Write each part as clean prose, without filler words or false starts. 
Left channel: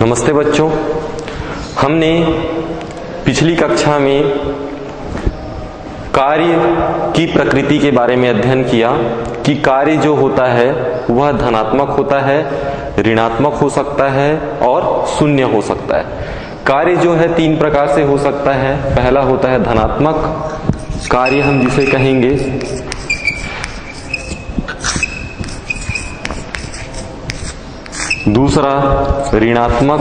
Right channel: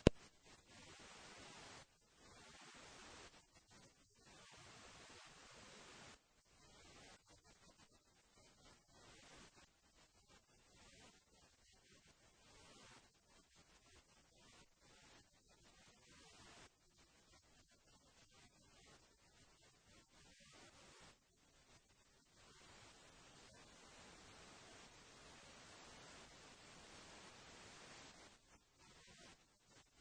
नमस्ते बच्चों, हमने पिछली कक्षा में कार्य की प्रकृति के बारे में अध्ययन किया कि कार्य जो होता है वह धनात्मक होता है, ऋणात्मक हो सकता है और शून्य हो सकता है। कार्य जो है तीन प्रकार से हो सकता है। पहला होता है धनात्मक कार्य, हम जिसे कहेंगे। दूसरा ऋणात्मक,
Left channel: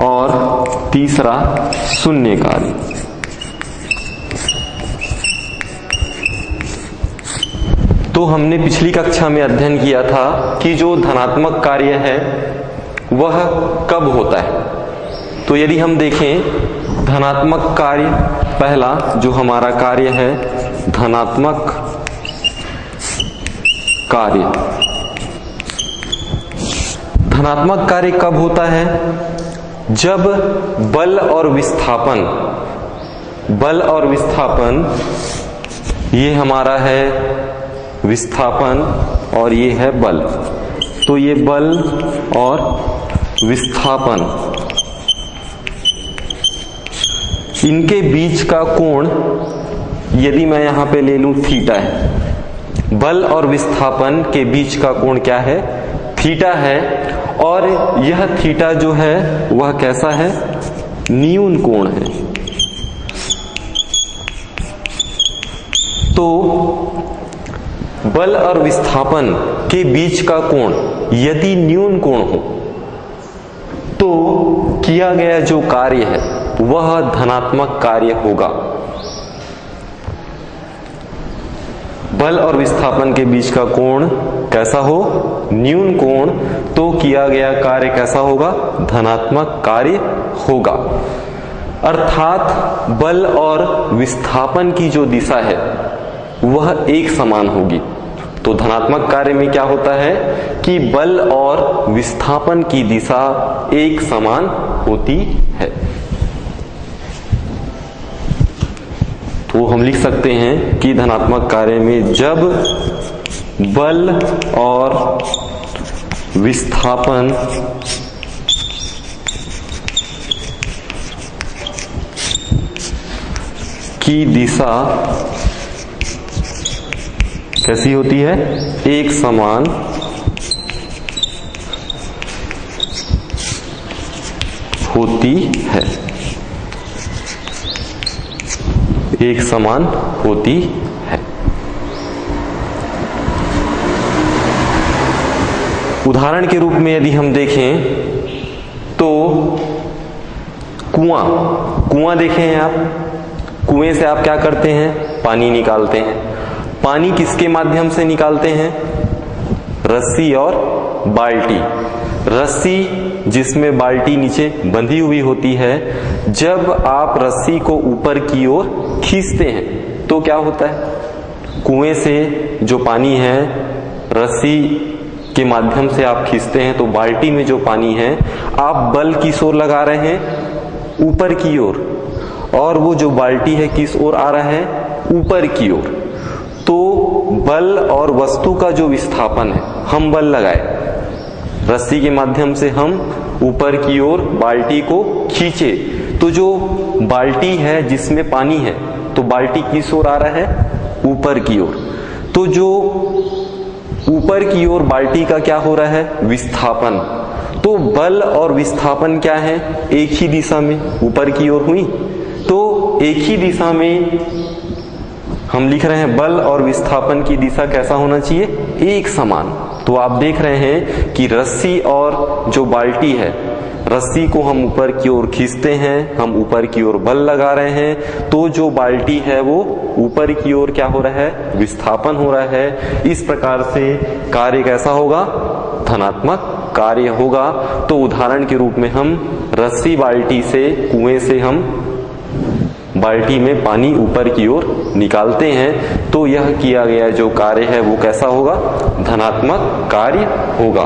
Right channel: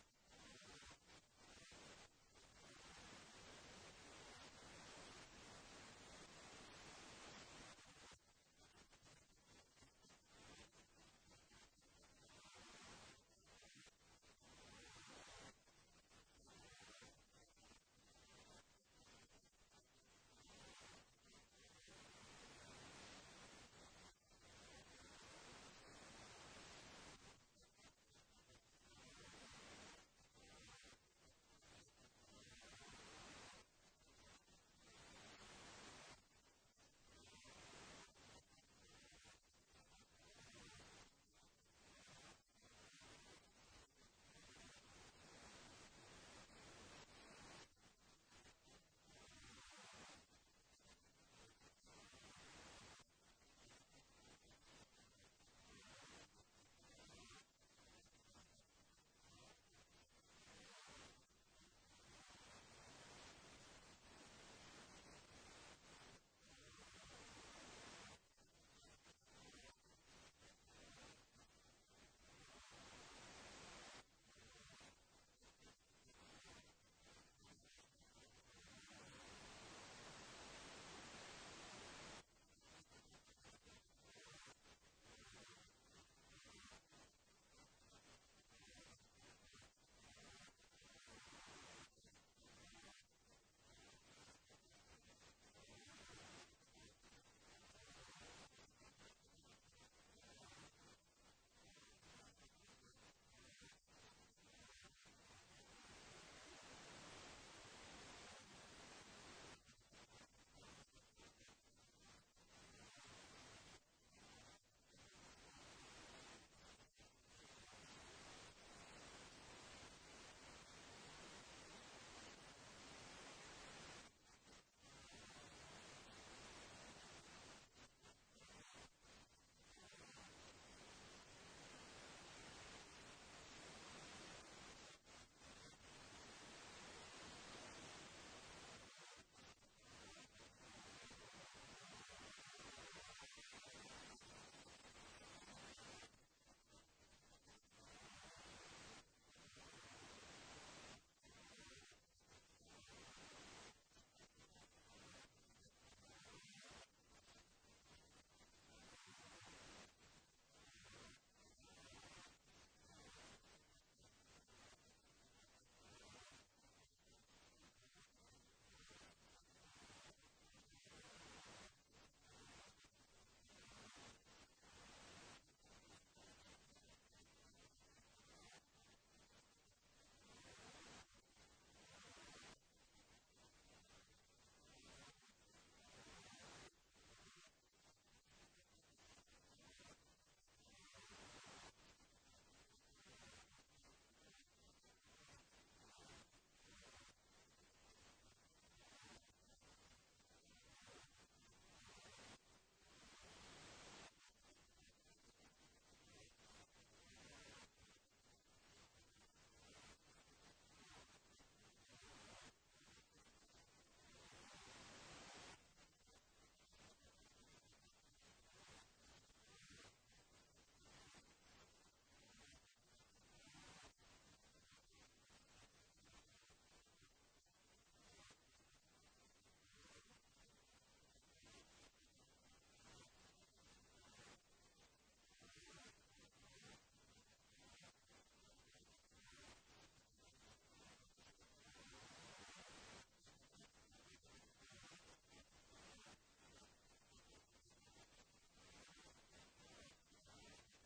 और तीसरा शून्य कार्य। तो हमने पिछली कक्षा में अध्ययन किया था कि जो धनात्मक कार्य है वह कब होता है। तो यदि हम देखें धनात्मक कार्य, पहला जो हमारा कार्य है धनात्मक कार्य। धनात्मक कार्य कब होता है? जब बल और विस्थापन, ये हमारा है विस्थापन और ये है बल। तो ये बल और विस्थापन, इनके बीच का कोण यदि मैं यहां पे ले लूं थीटा है। बल और विस्थापन के बीच का कोण क्या है? थीटा है। और यह थीटा जो है वह कैसा है? न्यून कोण है। तो बल और विस्थापन के बीच का कोण यदि न्यून कोण हो तो किया गया जो कार्य है वह धनात्मक कार्य होगा। बल और विस्थापन के बीच का कोण कैसा हो? न्यून कोण। तो किया गया कार्य कैसा होगा? धनात्मक कार्य होगा। अर्थात बल और विस्थापन की जो दिशा है वह एक समान होगी। तो धनात्मक कार्य में क्या होता है कि बल और विस्थापन की दिशा एक समान होती है। तो हम लिख सकते हैं कि धनात्मक कार्य में जब बल और विस्थापन की दिशा कैसी होती है? एक समान होती है। एक समान होती है। उदाहरण के रूप में यदि हम देखें तो कुआं देखे हैं आप। कुएं से आप क्या करते हैं? पानी निकालते हैं। पानी किसके माध्यम से निकालते हैं? रस्सी और बाल्टी। रस्सी जिसमें बाल्टी नीचे बंधी हुई होती है, जब आप रस्सी को ऊपर की ओर खींचते हैं तो क्या होता है? कुएं से जो पानी है रस्सी के माध्यम से आप खींचते हैं तो बाल्टी में जो पानी है आप बल किस ओर लगा रहे हैं? ऊपर की ओर। और वो जो बाल्टी है किस ओर आ रहा है? ऊपर की ओर। तो बल और वस्तु का जो विस्थापन है, हम बल लगाए रस्सी के माध्यम से, हम ऊपर की ओर बाल्टी को खींचे तो जो बाल्टी है जिसमें पानी है तो बाल्टी किस ओर आ रहा है? ऊपर की ओर। तो जो ऊपर की ओर बाल्टी का क्या हो रहा है? विस्थापन। तो बल और विस्थापन क्या है? एक ही दिशा में ऊपर की ओर हुई। तो एक ही दिशा में हम लिख रहे हैं बल और विस्थापन की दिशा कैसा होना चाहिए? एक समान। तो आप देख रहे हैं कि रस्सी और जो बाल्टी है, रस्सी को हम ऊपर की ओर खींचते हैं, हम ऊपर की ओर बल लगा रहे हैं, तो जो बाल्टी है वो ऊपर की ओर क्या हो रहा है? विस्थापन हो रहा है। इस प्रकार से कार्य कैसा होगा? धनात्मक कार्य होगा। तो उदाहरण के रूप में हम रस्सी बाल्टी से, कुएं से हम बाल्टी में पानी ऊपर की ओर निकालते हैं तो यह किया गया जो कार्य है वो कैसा होगा? धनात्मक कार्य होगा।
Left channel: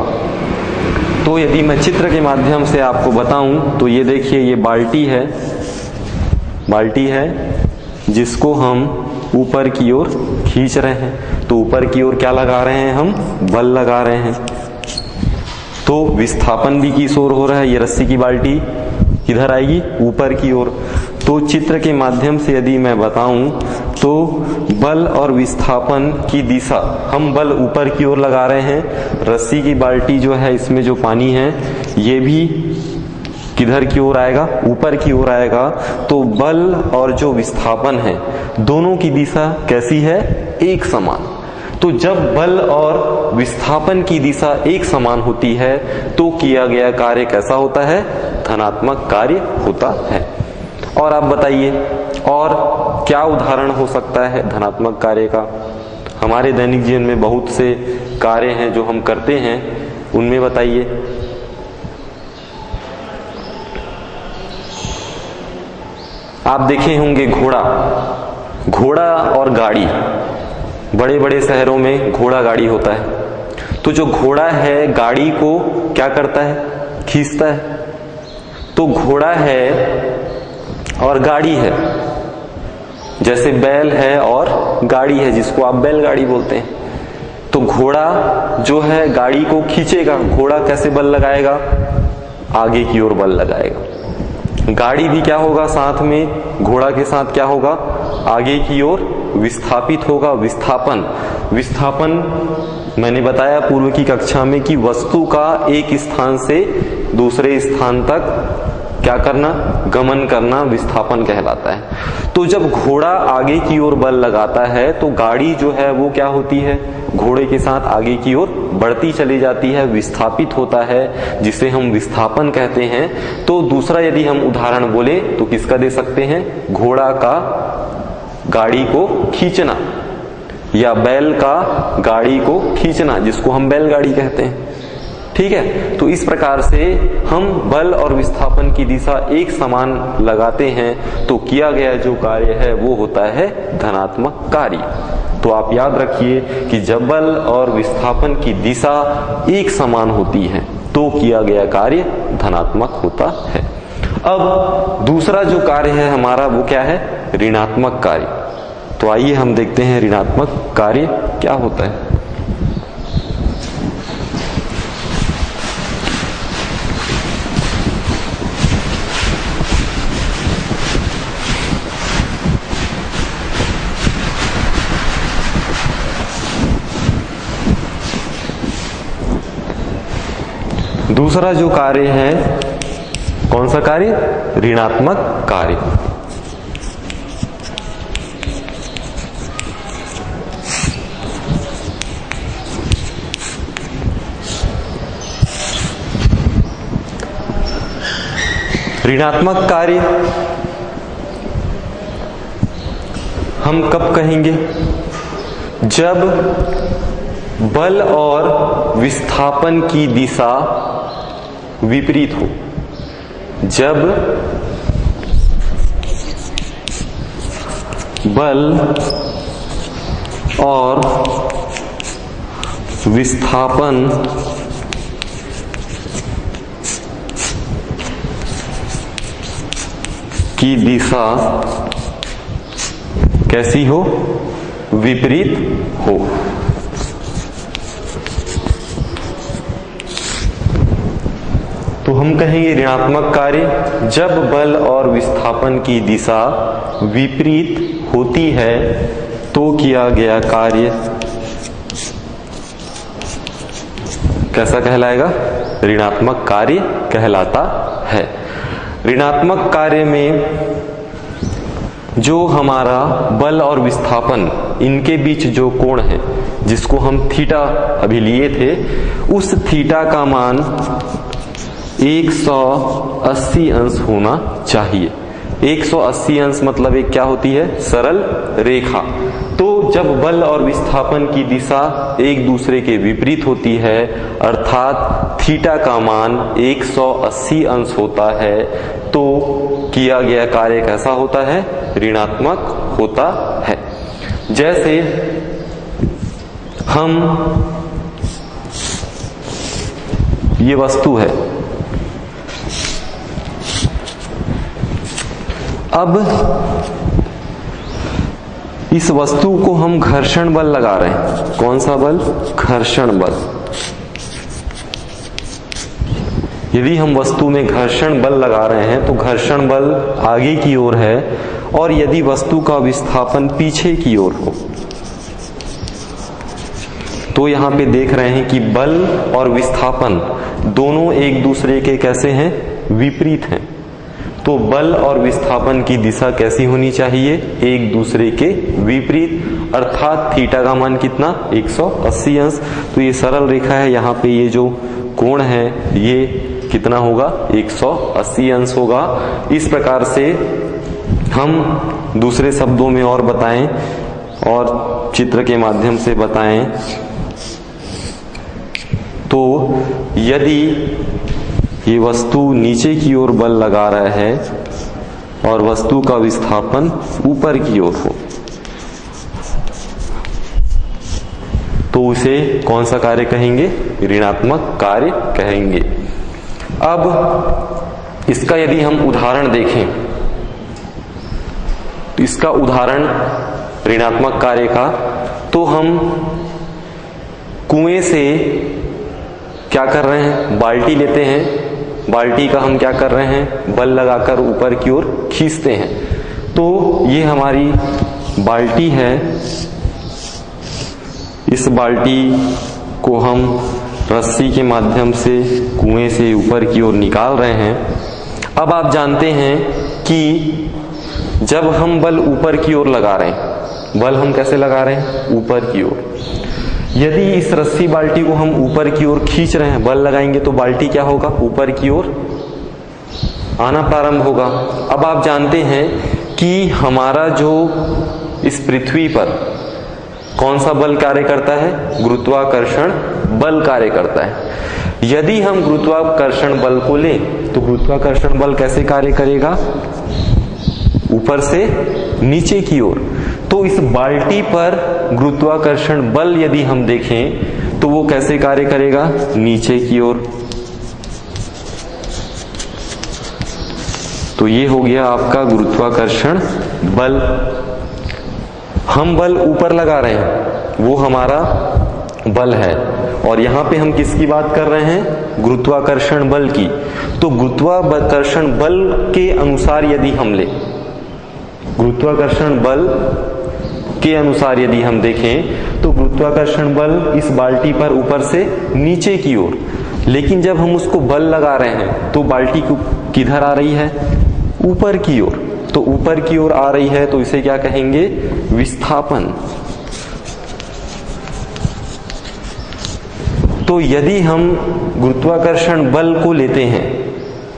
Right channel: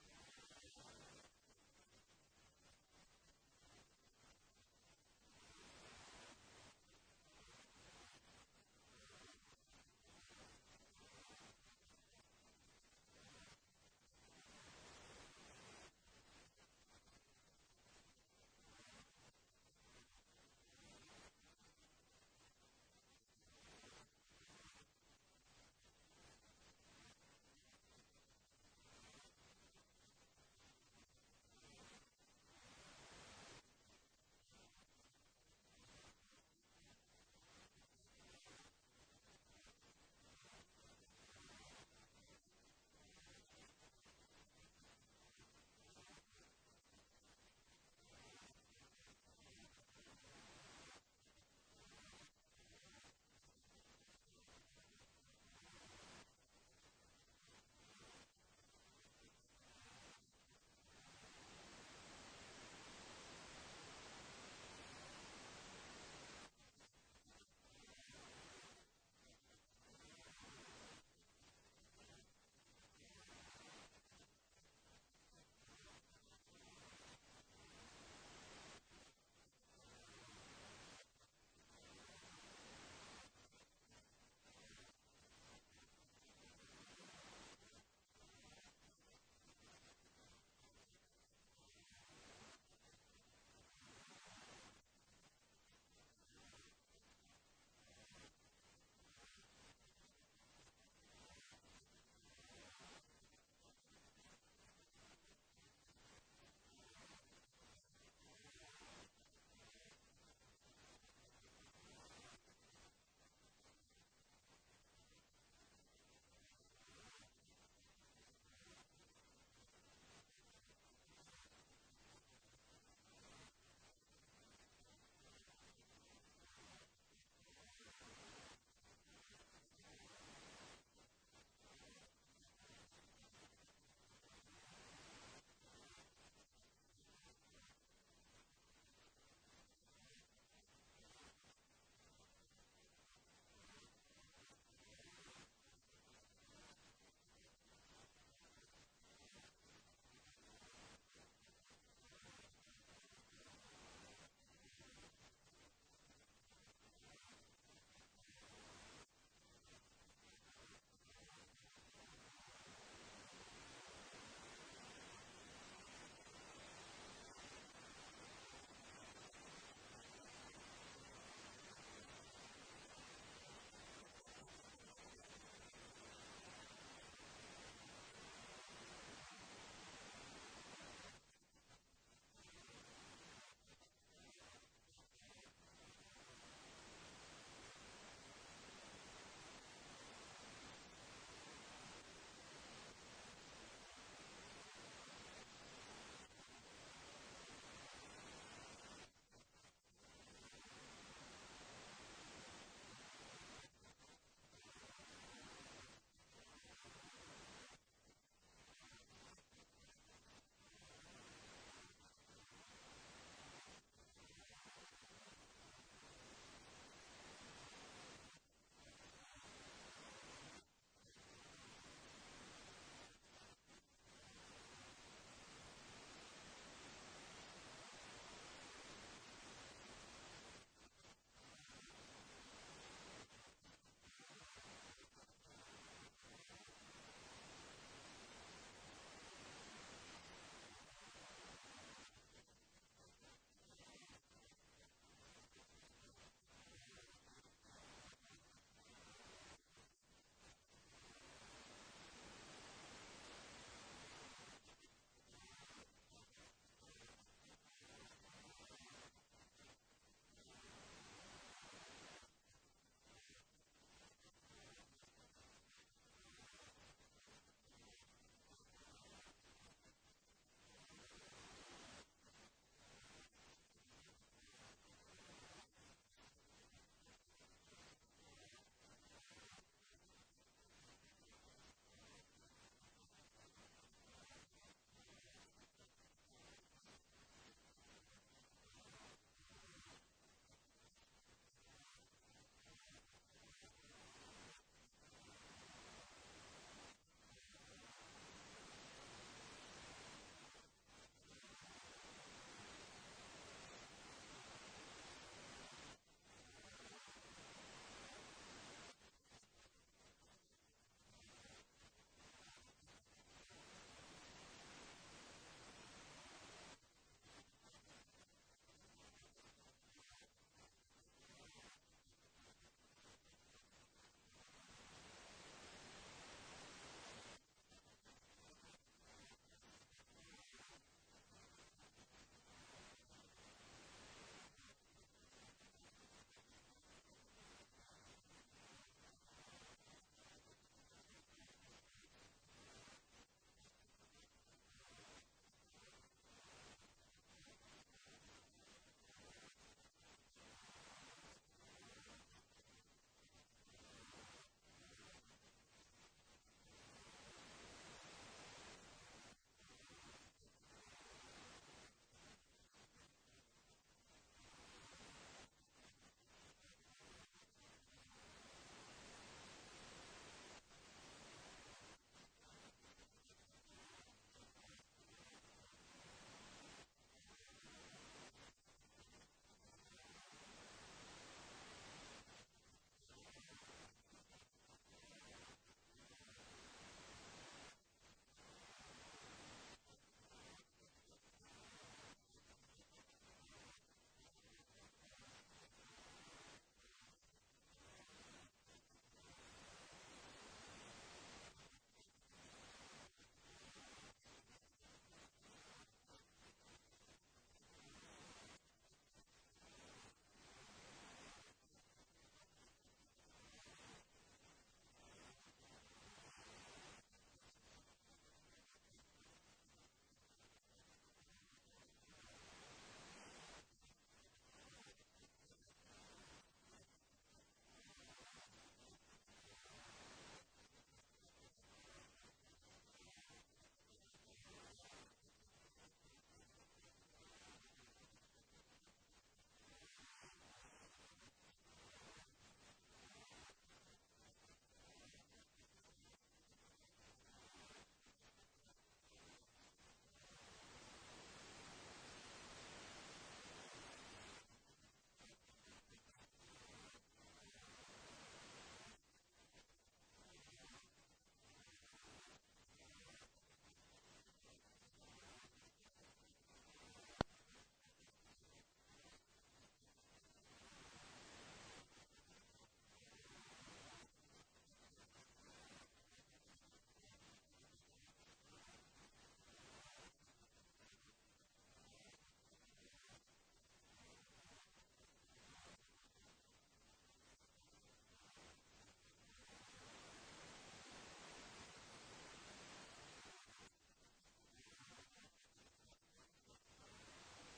तो यदि मैं चित्र के माध्यम से आपको बताऊं तो ये देखिए, ये बाल्टी है जिसको हम ऊपर की ओर खींच रहे हैं। तो ऊपर की ओर क्या लगा रहे हैं, हम बल लगा रहे हैं। तो विस्थापन भी किस ओर हो रहा है, ये रस्सी की बाल्टी किधर आएगी, ऊपर की ओर। तो चित्र के माध्यम से यदि मैं बताऊं तो बल और विस्थापन की दिशा, हम बल ऊपर की ओर लगा रहे हैं, रस्सी की बाल्टी जो है इसमें जो पानी है ये भी किधर की ओर आएगा, ऊपर की ओर आएगा। तो बल और जो विस्थापन है दोनों की दिशा कैसी है, एक समान। तो जब बल और विस्थापन की दिशा एक समान होती है तो किया गया कार्य कैसा होता है, धनात्मक कार्य होता है। और आप बताइए और क्या उदाहरण हो सकता है धनात्मक कार्य का। हमारे दैनिक जीवन में बहुत से कार्य हैं जो हम करते हैं, उनमें बताइए। आप देखे होंगे घोड़ा और गाड़ी, बड़े बड़े शहरों में घोड़ा गाड़ी होता है। तो जो घोड़ा है गाड़ी को क्या करता है, खींचता है। तो घोड़ा है और गाड़ी है, जैसे बैल है और गाड़ी है जिसको आप बैलगाड़ी बोलते हैं। तो घोड़ा जो है गाड़ी को खींचेगा, घोड़ा कैसे बल लगाएगा, आगे की ओर बल लगाएगा। गाड़ी भी क्या होगा, साथ में घोड़ा के साथ क्या होगा, आगे की ओर विस्थापित होगा। विस्थापन मैंने बताया पूर्व की कक्षा में कि वस्तु का एक स्थान से दूसरे स्थान तक क्या करना, गमन करना विस्थापन कहलाता है। तो जब घोड़ा आगे की ओर बल लगाता है तो गाड़ी जो है वो क्या होती है, घोड़े के साथ आगे की ओर बढ़ती चली जाती है, विस्थापित होता है, जिसे हम विस्थापन कहते हैं। तो दूसरा यदि हम उदाहरण बोले तो किसका दे सकते हैं, घोड़ा का गाड़ी को खींचना या बैल का गाड़ी को खींचना, जिसको हम बैलगाड़ी कहते हैं। ठीक है, तो इस प्रकार से हम बल और विस्थापन की दिशा एक समान लगाते हैं तो किया गया जो कार्य है वो होता है धनात्मक कार्य। तो आप याद रखिए कि जब बल और विस्थापन की दिशा एक समान होती है तो किया गया कार्य धनात्मक होता है। अब दूसरा जो कार्य है हमारा वो क्या है, ऋणात्मक कार्य। तो आइए हम देखते हैं ऋणात्मक कार्य क्या होता है। दूसरा जो कार्य है, कौन सा कार्य, ऋणात्मक कार्य। ऋणात्मक कार्य हम कब कहेंगे, जब बल और विस्थापन की दिशा विपरीत हो। जब बल और विस्थापन की दिशा कैसी हो, विपरीत हो। तो हम कहेंगे ऋणात्मक कार्य जब बल और विस्थापन की दिशा विपरीत होती है तो किया गया कार्य कैसा कहलाएगा, ऋणात्मक कार्य कहलाता है। ऋणात्मक कार्य में जो हमारा बल और विस्थापन इनके बीच जो कोण है जिसको हम थीटा अभी लिए थे, उस थीटा का मान 180 अंश होना चाहिए। 180 अंश मतलब एक क्या होती है, सरल रेखा। तो जब बल और विस्थापन की दिशा एक दूसरे के विपरीत होती है अर्थात थीटा का मान 180 अंश होता है तो किया गया कार्य कैसा होता है, ऋणात्मक होता है। जैसे हम ये वस्तु है, अब इस वस्तु को हम घर्षण बल लगा रहे हैं। कौन सा बल? घर्षण बल। यदि हम वस्तु में घर्षण बल लगा रहे हैं तो घर्षण बल आगे की ओर है, और यदि वस्तु का विस्थापन पीछे की ओर हो तो यहां पे देख रहे हैं कि बल और विस्थापन दोनों एक दूसरे के कैसे हैं? विपरीत हैं। तो बल और विस्थापन की दिशा कैसी होनी चाहिए? एक दूसरे के विपरीत, अर्थात थीटा का मान कितना? 180 अंश। तो ये सरल रेखा है, यहाँ पे ये जो कोण है ये कितना होगा? 180 अंश होगा। इस प्रकार से हम दूसरे शब्दों में और बताएं और चित्र के माध्यम से बताएं तो यदि ये वस्तु नीचे की ओर बल लगा रहा है और वस्तु का विस्थापन ऊपर की ओर हो तो उसे कौन सा कार्य कहेंगे? ऋणात्मक कार्य कहेंगे। अब इसका यदि हम उदाहरण देखें तो इसका उदाहरण ऋणात्मक कार्य का, तो हम कुएं से क्या कर रहे हैं? बाल्टी लेते हैं, बाल्टी का हम क्या कर रहे हैं? बल लगाकर ऊपर की ओर खींचते हैं। तो ये हमारी बाल्टी है, इस बाल्टी को हम रस्सी के माध्यम से कुएं से ऊपर की ओर निकाल रहे हैं। अब आप जानते हैं कि जब हम बल ऊपर की ओर लगा रहे हैं, बल हम कैसे लगा रहे हैं? ऊपर की ओर। यदि इस रस्सी बाल्टी को हम ऊपर की ओर खींच रहे हैं, बल लगाएंगे तो बाल्टी क्या होगा? ऊपर की ओर आना प्रारंभ होगा। अब आप जानते हैं कि हमारा जो इस पृथ्वी पर कौन सा बल कार्य करता है? गुरुत्वाकर्षण बल कार्य करता है। यदि हम गुरुत्वाकर्षण बल को लें तो गुरुत्वाकर्षण बल कैसे कार्य करेगा? ऊपर से नीचे की ओर। तो इस बाल्टी पर गुरुत्वाकर्षण बल यदि हम देखें तो वो कैसे कार्य करेगा? नीचे की ओर। तो ये हो गया आपका गुरुत्वाकर्षण बल। हम बल ऊपर लगा रहे हैं, वो हमारा बल है, और यहां पे हम किसकी बात कर रहे हैं? गुरुत्वाकर्षण बल की। तो गुरुत्वाकर्षण बल के अनुसार यदि हम ले, गुरुत्वाकर्षण बल के अनुसार यदि हम देखें तो गुरुत्वाकर्षण बल इस बाल्टी पर ऊपर से नीचे की ओर, लेकिन जब हम उसको बल लगा रहे हैं तो बाल्टी किधर आ रही है? ऊपर की ओर। तो ऊपर की ओर आ रही है तो इसे क्या कहेंगे? विस्थापन। तो यदि हम गुरुत्वाकर्षण बल को लेते हैं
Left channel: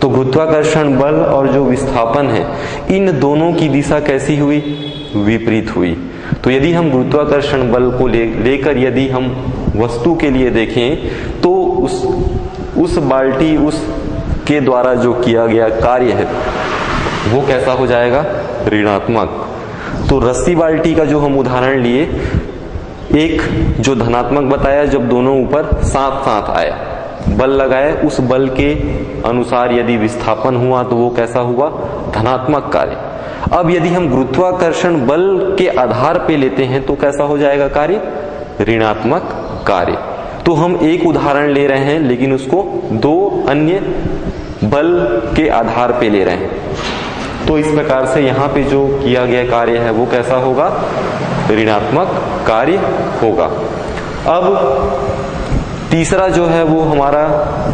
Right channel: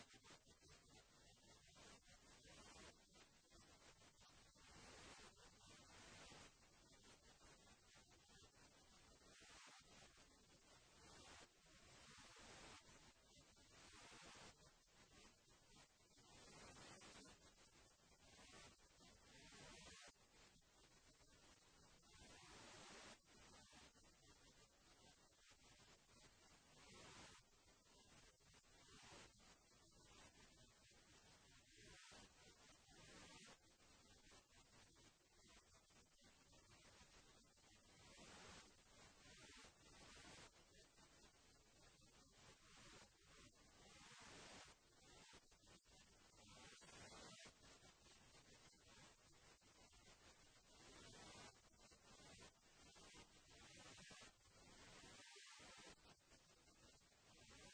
तो गुरुत्वाकर्षण बल और जो विस्थापन है इन दोनों की दिशा कैसी हुई? विपरीत हुई। तो यदि हम गुरुत्वाकर्षण बल को लेकर यदि हम वस्तु के लिए देखें तो उस बाल्टी उस के द्वारा जो किया गया कार्य है वो कैसा हो जाएगा? ऋणात्मक। तो रस्सी बाल्टी का जो हम उदाहरण लिए, एक जो धनात्मक बताया जब दोनों ऊपर साथ साथ आए, बल लगाए, उस बल के अनुसार यदि विस्थापन हुआ तो वो कैसा हुआ? धनात्मक कार्य। अब यदि हम गुरुत्वाकर्षण बल के आधार पे लेते हैं तो कैसा हो जाएगा कार्य? ऋणात्मक कार्य। तो हम एक उदाहरण ले रहे हैं लेकिन उसको दो अन्य बल के आधार पे ले रहे हैं। तो इस प्रकार से यहाँ पे जो किया गया कार्य है वो कैसा होगा? ऋणात्मक कार्य होगा। अब तीसरा जो है वो हमारा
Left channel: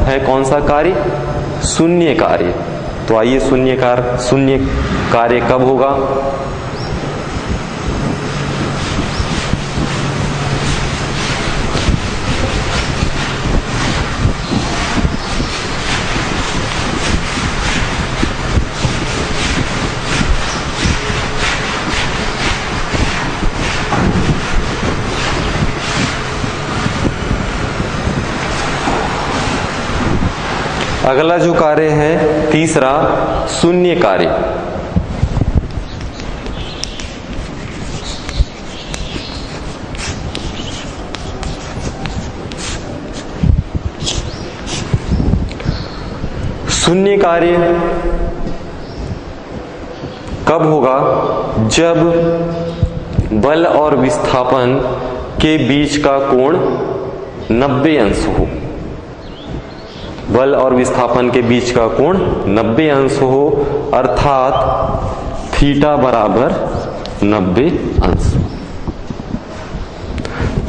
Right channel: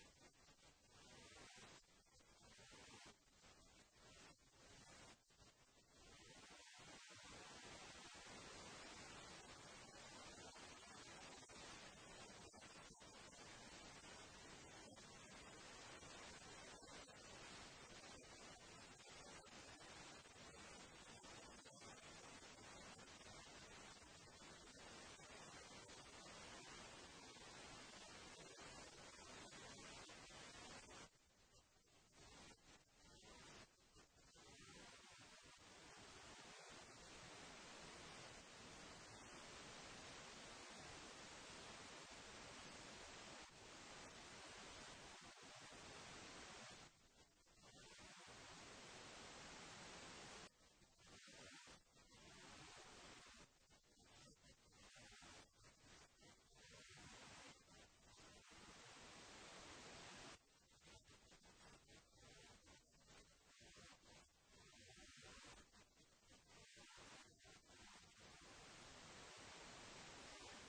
है कौन सा कार्य? शून्य कार्य। तो आइए शून्य कार्य कब होगा? अगला जो कार्य है तीसरा, शून्य कार्य। शून्य कार्य कब होगा? जब बल और विस्थापन के बीच का कोण 90 अंश हो। बल और विस्थापन के बीच का कोण 90 अंश हो, अर्थात थीटा बराबर 90 अंश।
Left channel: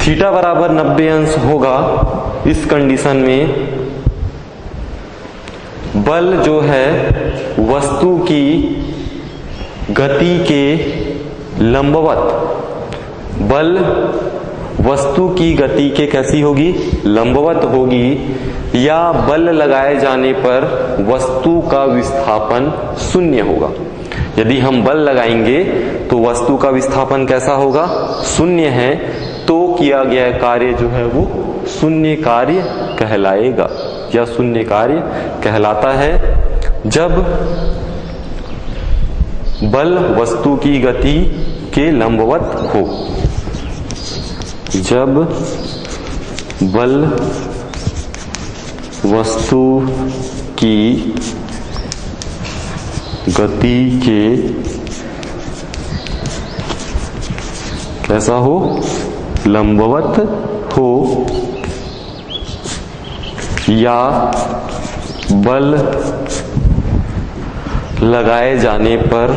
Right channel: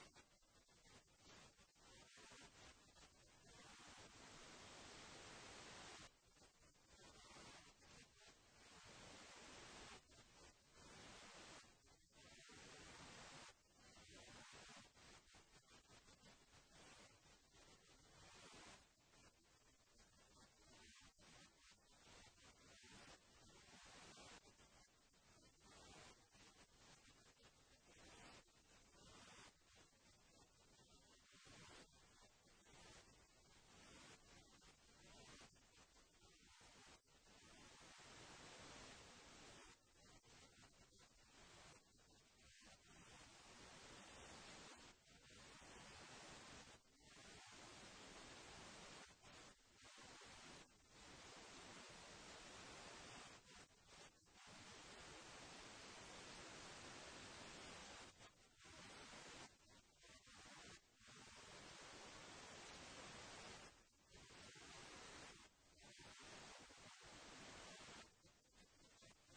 थीटा बराबर 90 अंश होगा। इस कंडीशन में बल जो है वस्तु की गति के लंबवत, बल वस्तु की गति के कैसी होगी, लंबवत होगी, या बल लगाए जाने पर वस्तु का विस्थापन शून्य होगा। यदि हम बल लगाएंगे तो वस्तु का विस्थापन कैसा होगा, शून्य है, तो किया गया कार्य जो है वो शून्य कार्य कहलाएगा या शून्य कार्य कहलाता है। जब बल वस्तु की गति के लंबवत हो, जब बल वस्तु की गति के कैसा हो, लंबवत हो, या बल लगाए जाने पर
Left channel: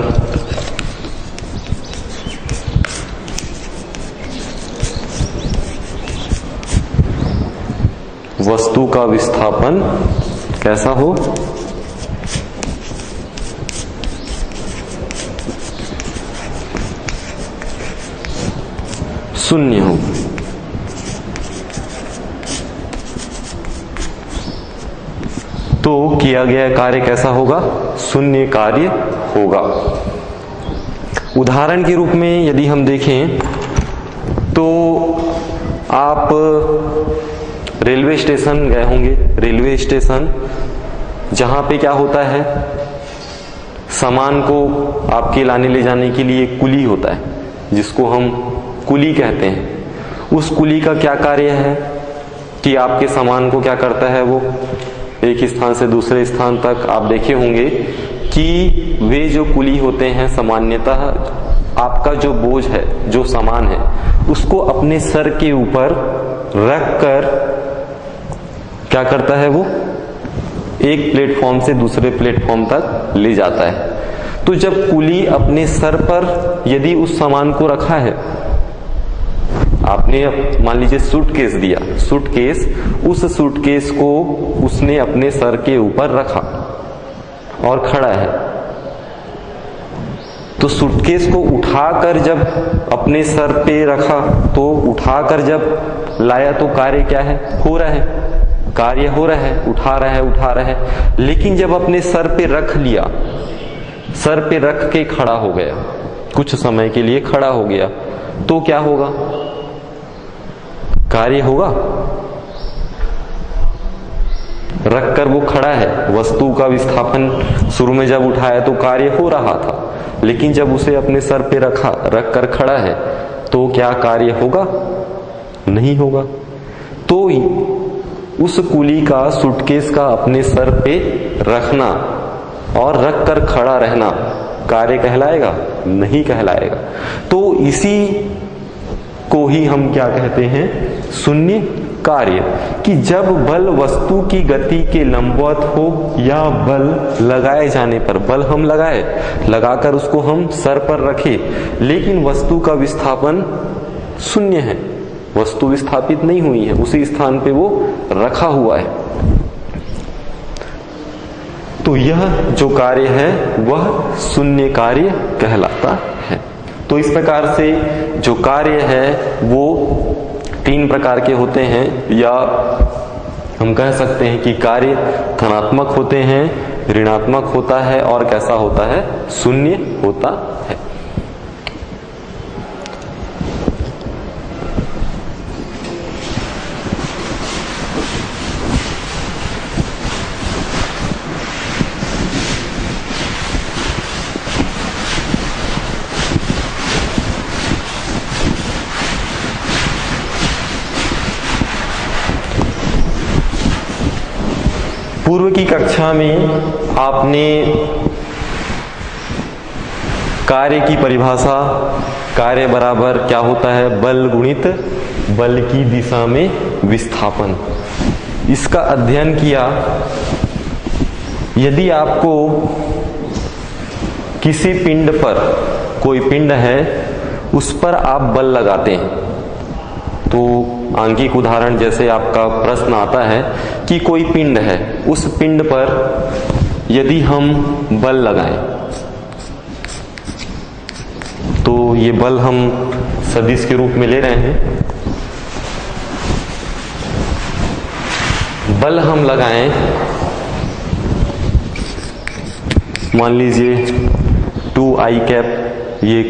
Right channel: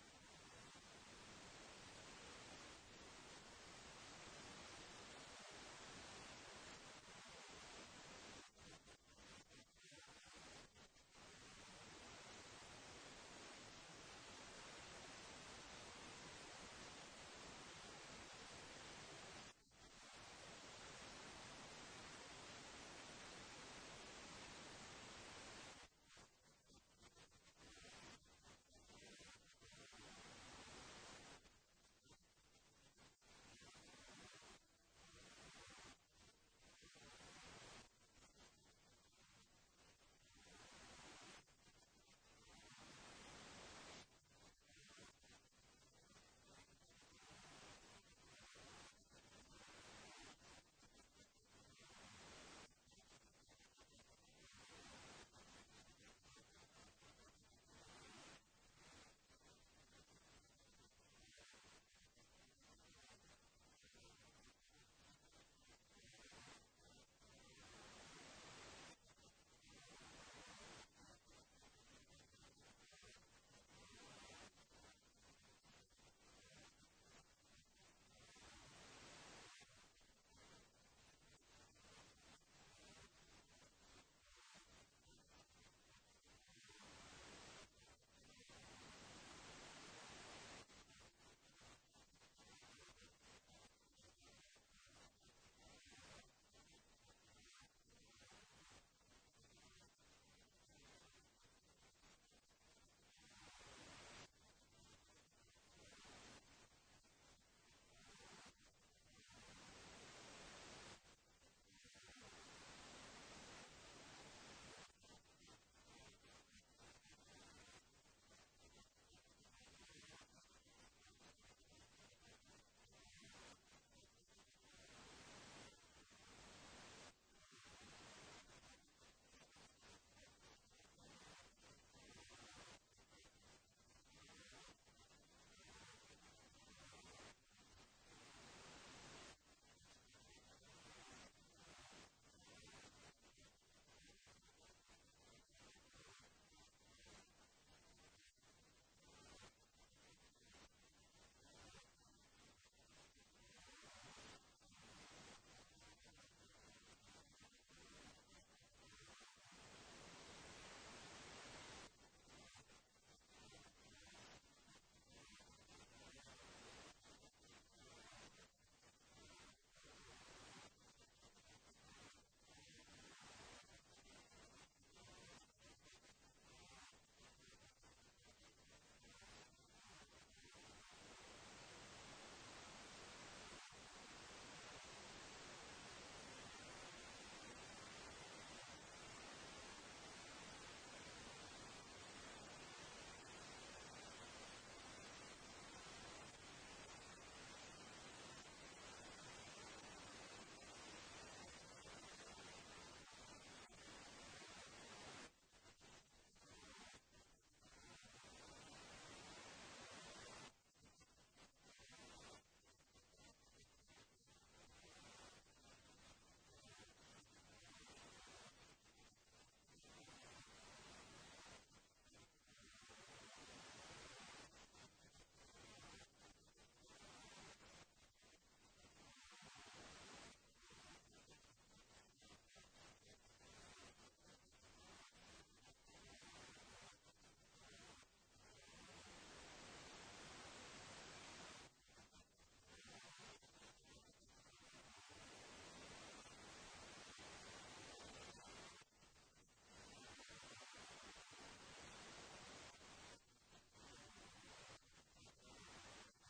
वस्तु का विस्थापन कैसा हो, शून्य हो। तो किया गया कार्य कैसा होगा, शून्य कार्य होगा। उदाहरण के रूप में यदि हम देखें तो आप रेलवे स्टेशन गए होंगे। रेलवे स्टेशन जहां पे क्या होता है, सामान को आपके लाने ले जाने के लिए कुली होता है, जिसको हम कुली कहते हैं। उस कुली का क्या कार्य है कि आपके सामान को क्या करता है, वो एक स्थान से दूसरे स्थान तक आप देखे होंगे कि वे जो कुली होते हैं सामान्यतः आपका जो बोझ है, जो सामान है, उसको अपने सर के ऊपर रख कर क्या करता है, वो एक प्लेटफॉर्म से दूसरे प्लेटफॉर्म तक ले जाता है। तो जब कुली अपने सर पर यदि उस सामान को रखा है, आपने मान लीजिए सूटकेस दिया, सूटकेस, उस सूटकेस को उसने अपने सर के ऊपर रखा और खड़ा है, तो सूटकेस को उठाकर जब अपने सर पे रखा, तो उठाकर जब लाया तो कार्य क्या है, हो रहा है, कार्य हो रहा है, उठा रहा है। लेकिन जब अपने सर पे रख लिया, सर पे रख के खड़ा हो गया, कुछ समय के लिए खड़ा हो गया, तो क्या होगा, कार्य होगा। रखकर वो खड़ा है, वस्तु का विस्थापन शुरू में जब उठाया तो कार्य हो रहा था, लेकिन जब उसे अपने सर पे रख कर खड़ा है तो क्या कार्य होगा, नहीं होगा। तो उस कुली का, सूटकेस का अपने सर पे रखना और रख कर खड़ा रहना कार्य कहलाएगा, नहीं कहलाएगा। तो इसी को ही हम क्या कहते हैं, शून्य कार्य। कि जब बल वस्तु की गति के लंबवत हो या बल लगाए जाने पर, बल हम लगाकर उसको हम सर पर रखे, लेकिन वस्तु का विस्थापन शून्य है, वस्तु विस्थापित नहीं हुई है, उसी स्थान पे वो रखा हुआ है, तो यह जो कार्य है वह शून्य कार्य कहलाता है। तो इस प्रकार से जो कार्य है वो 3 प्रकार के होते हैं, या हम कह सकते हैं कि कार्य धनात्मक होते हैं, ऋणात्मक होता है और कैसा होता है, शून्य होता है। पूर्व की कक्षा में आपने कार्य की परिभाषा, कार्य बराबर क्या होता है, बल गुणित बल की दिशा में विस्थापन। इसका अध्ययन किया। यदि आपको किसी पिंड पर, कोई पिंड है उस पर आप बल लगाते हैं, तो आंगिक उदाहरण जैसे आपका प्रश्न आता है कि कोई पिंड है, उस पिंड पर यदि हम बल लगाएं तो ये बल हम सदिश के रूप में ले रहे हैं। बल हम लगाएं, मान लीजिए 2i कैप ये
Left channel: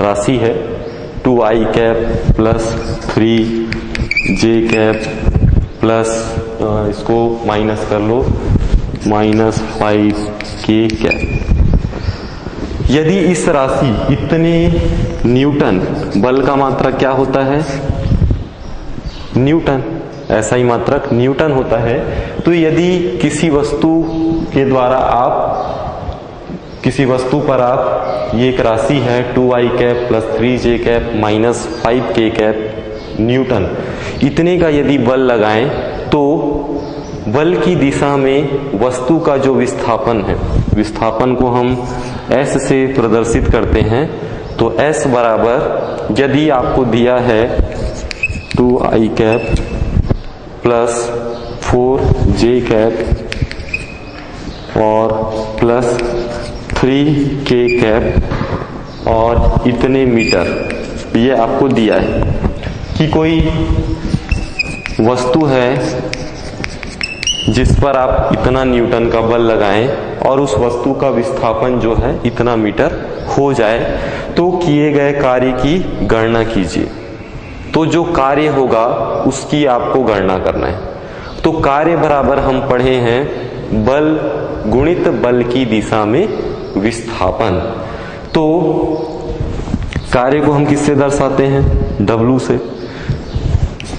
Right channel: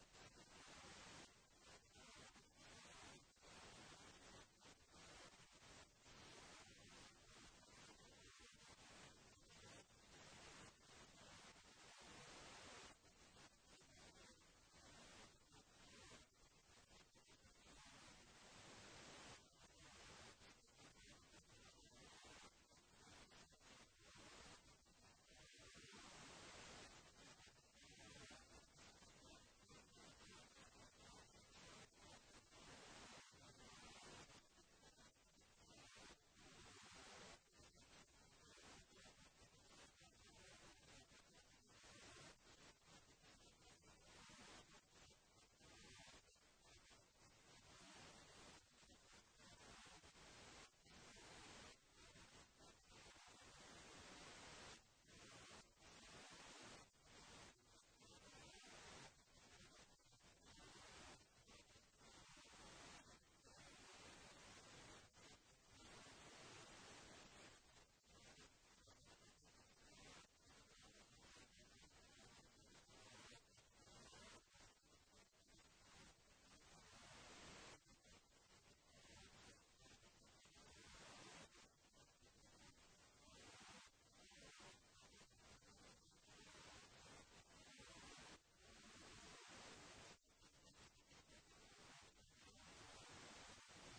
राशि है, 2i cap plus 3j cap plus इसको माइनस कर लो माइनस 5k कैप। यदि इस राशि इतने न्यूटन, बल का मात्रक क्या होता है, न्यूटन, ऐसा ही मात्रक न्यूटन होता है। तो यदि किसी वस्तु के द्वारा किसी वस्तु पर आप, ये एक राशि है 2i cap plus 3j cap minus 5k cap Newton, इतने का यदि बल लगाएं तो बल की दिशा में वस्तु का जो विस्थापन है, विस्थापन को हम s से प्रदर्शित करते हैं। तो s बराबर, यदि आपको दिया है 2i cap plus 4j cap और प्लस 3k कैप और इतने मीटर, ये आपको दिया है कि कोई वस्तु है जिस पर आप इतना न्यूटन का बल लगाएं और उस वस्तु का विस्थापन जो है इतना मीटर हो जाए, तो किए गए कार्य की गणना कीजिए। तो जो कार्य होगा उसकी आपको गणना करना है। तो कार्य बराबर हम पढ़े हैं बल गुणित बल की दिशा में विस्थापन। तो कार्य को हम किससे दर्शाते हैं, W से,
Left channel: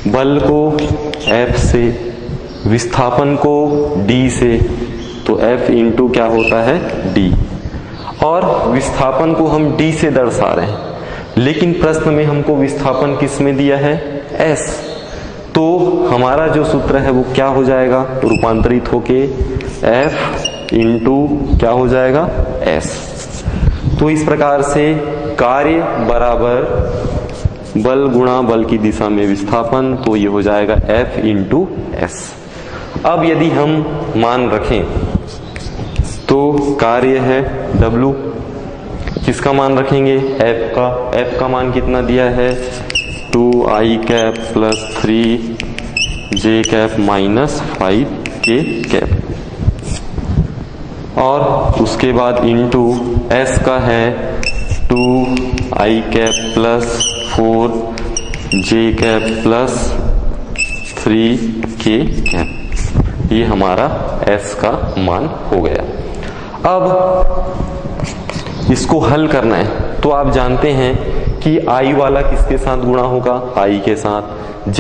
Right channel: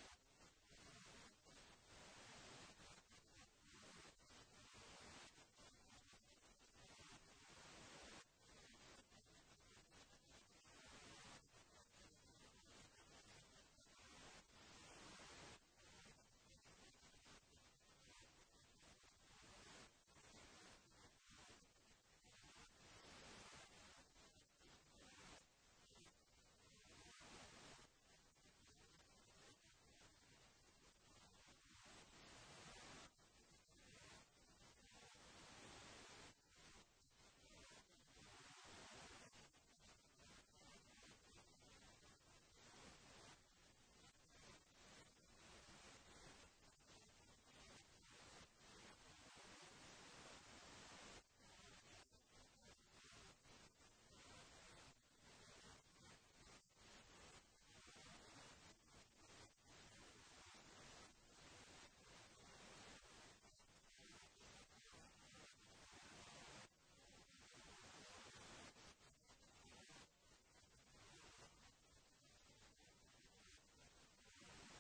बल को F से, विस्थापन को D से, तो F इंटू क्या होता है D, और विस्थापन को हम D से दर्शा रहे हैं, लेकिन प्रश्न में हमको विस्थापन किस में दिया है, S। तो हमारा जो सूत्र है वो क्या हो जाएगा, रूपांतरित होके F इंटू क्या हो जाएगा S। तो इस प्रकार से कार्य बराबर बल गुणा बल की दिशा में विस्थापन, तो ये हो जाएगा F इंटू S। अब यदि हम मान रखें तो कार्य है W, किसका मान रखेंगे, F का। F का मान कितना दिया है, 2i cap plus 3j cap minus 5k cap, और उसके बाद इंटू S का है 2i cap plus 4j cap plus 3k cap. ये हमारा S का मान हो गया। अब इसको हल करना है, तो आप जानते हैं कि I वाला किसके साथ गुणा होगा, I के साथ, J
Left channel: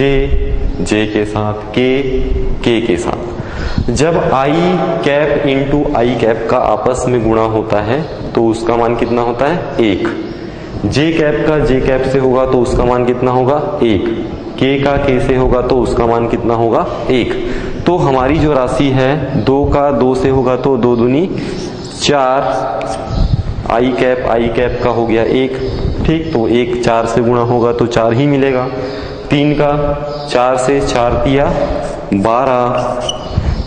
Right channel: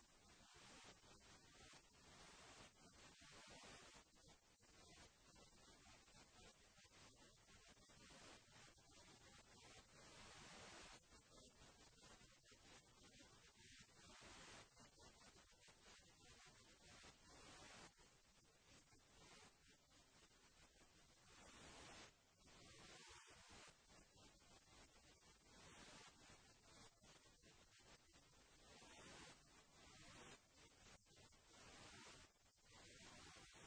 के साथ, K के साथ। जब I cap into I cap का आपस में गुणा होता है तो उसका मान कितना होता है, 1। J कैप का J कैप से होगा तो उसका मान कितना होगा, 1। K का K से होगा तो उसका मान कितना होगा, 1। तो हमारी जो राशि है 2 का 2 से होगा तो 2 दूनी 4, I कैप का हो गया 1, ठीक। तो 1 4 से गुणा होगा तो 4 ही मिलेगा। 3 का 4 से 4 तिया 12,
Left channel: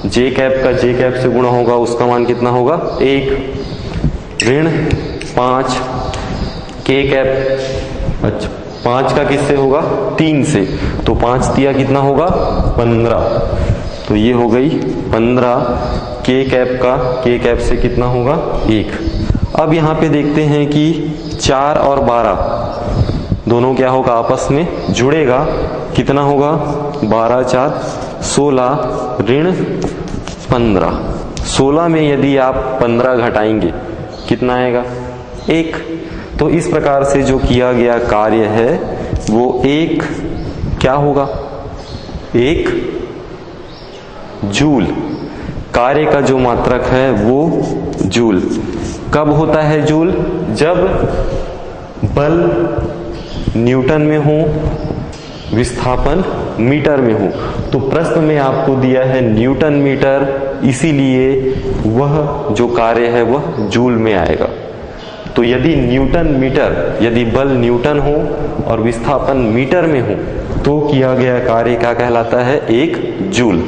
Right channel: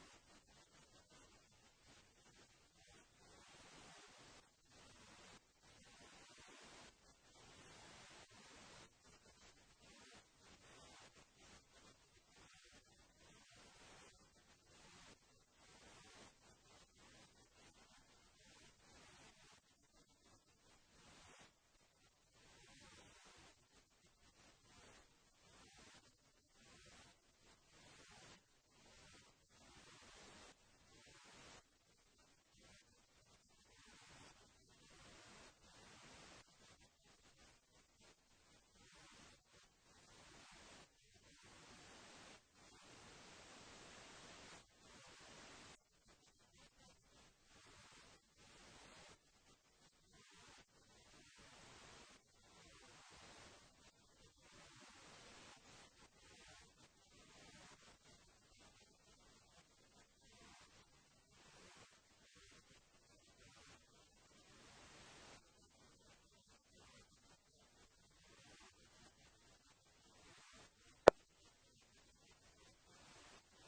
J कैप का J कैप से गुणा होगा उसका मान कितना होगा, 1, ऋण 5, K कैप, अच्छा 5 का किससे होगा, 3 से, तो 5 तिया कितना होगा, 15, तो ये हो गई 15। K कैप से कितना होगा, 1। अब यहाँ पे देखते हैं कि 4 और 12 दोनों क्या होगा, आपस में जुड़ेगा, कितना होगा, 12 4 16 ऋण 15। 16 में यदि आप 15 घटाएंगे कितना आएगा, 1। तो इस प्रकार से जो किया गया कार्य है वो 1 क्या होगा, 1 जूल। कार्य का जो मात्रक है वो जूल। कब होता है जूल? जब बल न्यूटन में हो, विस्थापन मीटर में हो। तो प्रश्न में आपको दिया है न्यूटन मीटर, इसीलिए वह जो कार्य है वह जूल में आएगा। तो यदि न्यूटन मीटर, यदि बल न्यूटन हो और विस्थापन मीटर में हो तो किया गया कार्य क्या कहलाता है? 1 जूल।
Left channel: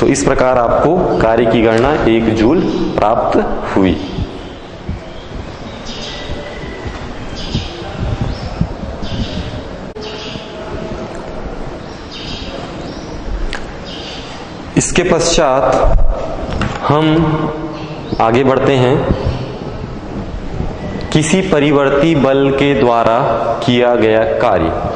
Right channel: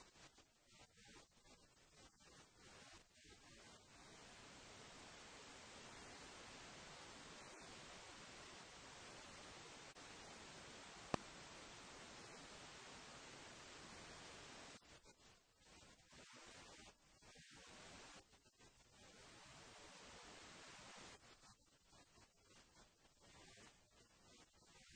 तो इस प्रकार आपको कार्य की गणना 1 जूल प्राप्त हुई। इसके पश्चात हम आगे बढ़ते हैं। किसी परिवर्ती बल के द्वारा किया गया कार्य।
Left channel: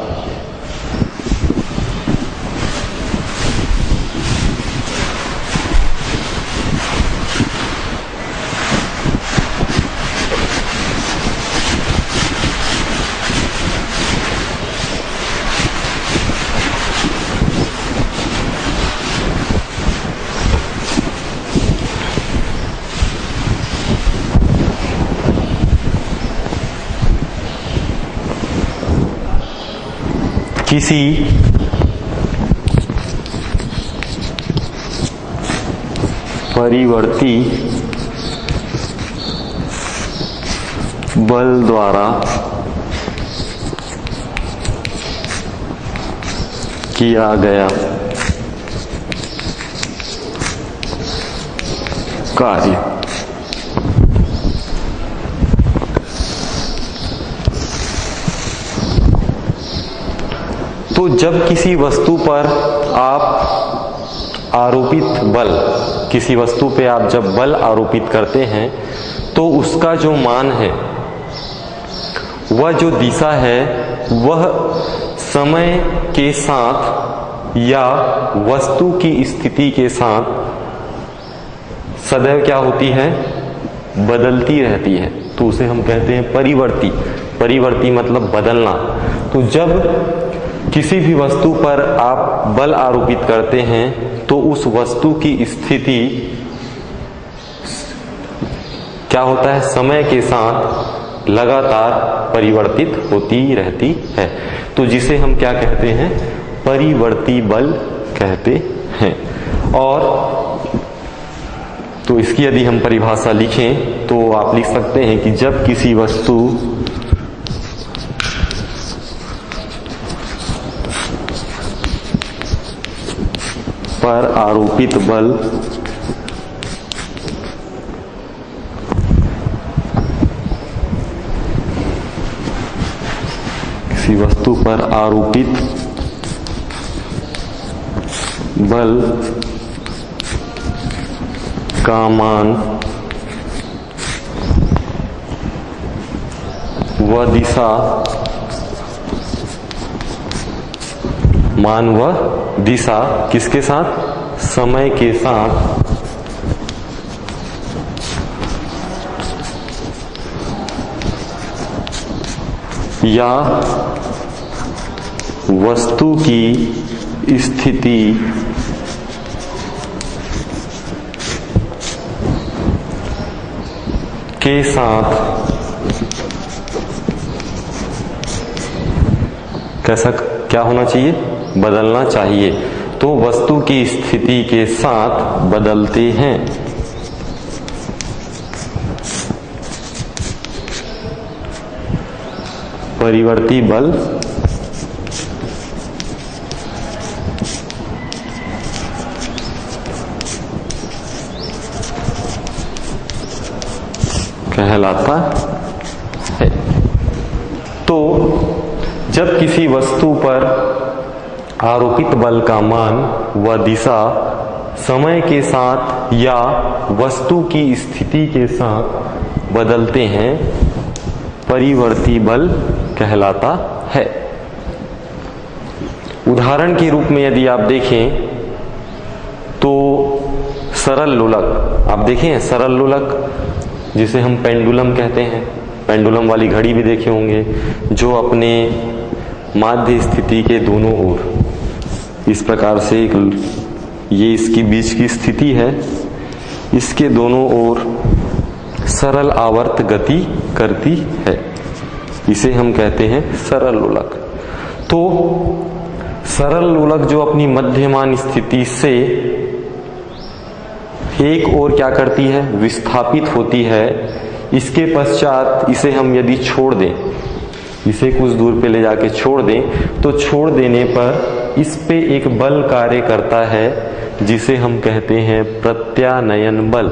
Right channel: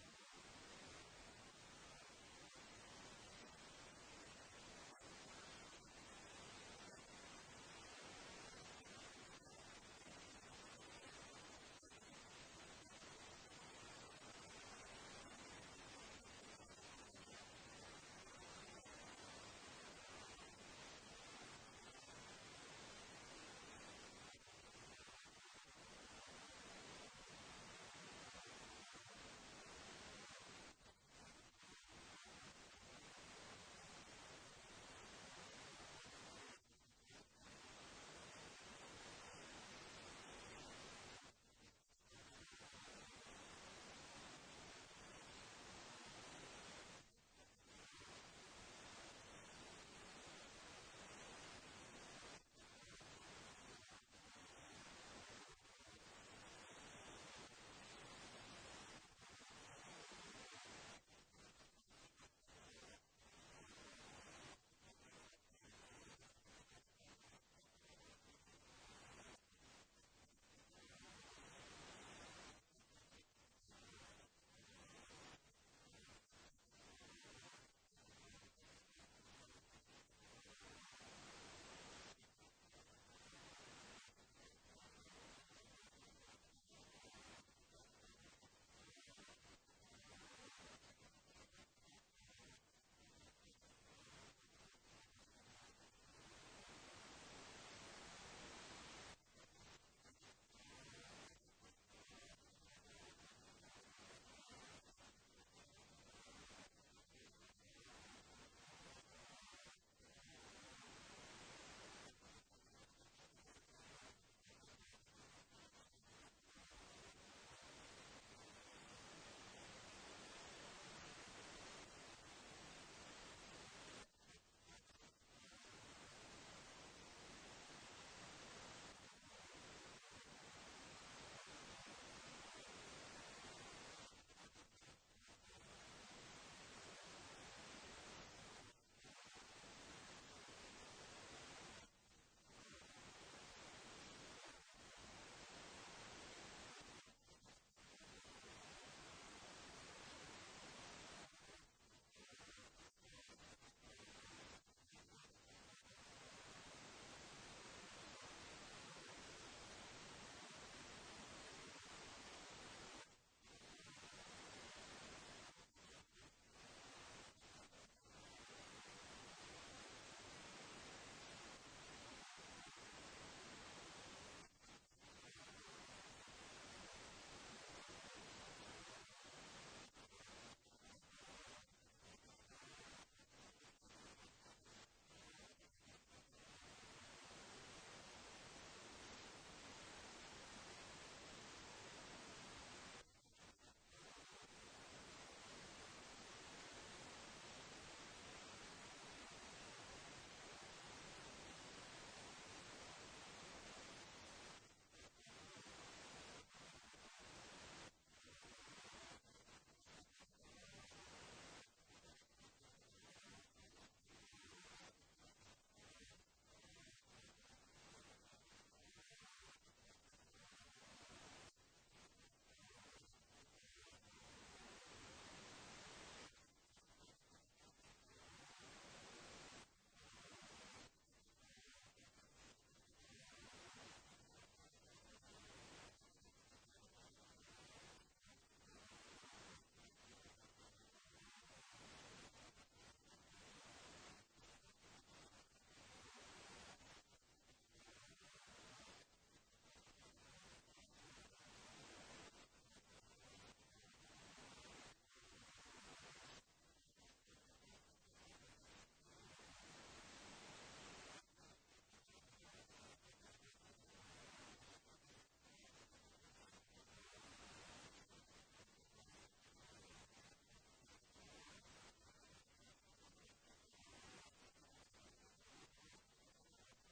किसी परिवर्ती बल द्वारा किया गया कार्य। तो जब किसी वस्तु पर आप आरोपित बल, किसी वस्तु पे आप जब बल आरोपित करते हैं तो उसका जो मान है, वह जो दिशा है, वह समय के साथ या वस्तु की स्थिति के साथ सदैव क्या होती है? बदलती रहती है। तो उसे हम कहते हैं परिवर्ती। परिवर्ती मतलब बदलना। तो जब किसी भी वस्तु पर आप बल आरोपित करते हैं तो उस वस्तु की स्थिति क्या होता है? समय के साथ लगातार परिवर्तित होती रहती है। तो जिसे हम क्या कहते हैं? परिवर्ती बल कहते हैं। और तो इसकी यदि हम परिभाषा लिखें तो आप लिख सकते हैं कि जब किसी वस्तु पर आरोपित बल किसी वस्तु पर आरोपित बल का मान व दिशा, मान व दिशा किसके साथ? समय के साथ या वस्तु की स्थिति के साथ कैसा क्या होना चाहिए? बदलना चाहिए। तो वस्तु की स्थिति के साथ बदलते हैं। परिवर्ती बल कहलाता है। तो जब किसी वस्तु पर आरोपित बल का मान व दिशा समय के साथ या वस्तु की स्थिति के साथ बदलते हैं, परिवर्ती बल कहलाता है। उदाहरण के रूप में यदि आप देखें तो सरल लोलक, आप देखें सरल लोलक जिसे हम पेंडुलम कहते हैं, पेंडुलम वाली घड़ी भी देखे होंगे, जो अपने माध्य स्थिति के दोनों ओर इस प्रकार से एक ये इसकी बीच की स्थिति है, इसके दोनों ओर सरल आवर्त गति करती है, इसे हम कहते हैं सरल लोलक। तो सरल लोलक जो अपनी मध्यमान स्थिति से एक ओर क्या करती है, विस्थापित होती है, इसके पश्चात इसे हम यदि छोड़ दें, इसे कुछ दूर पे ले जाके छोड़ दें, तो छोड़ देने पर इस पे एक बल कार्य करता है जिसे हम कहते हैं प्रत्यानयन बल।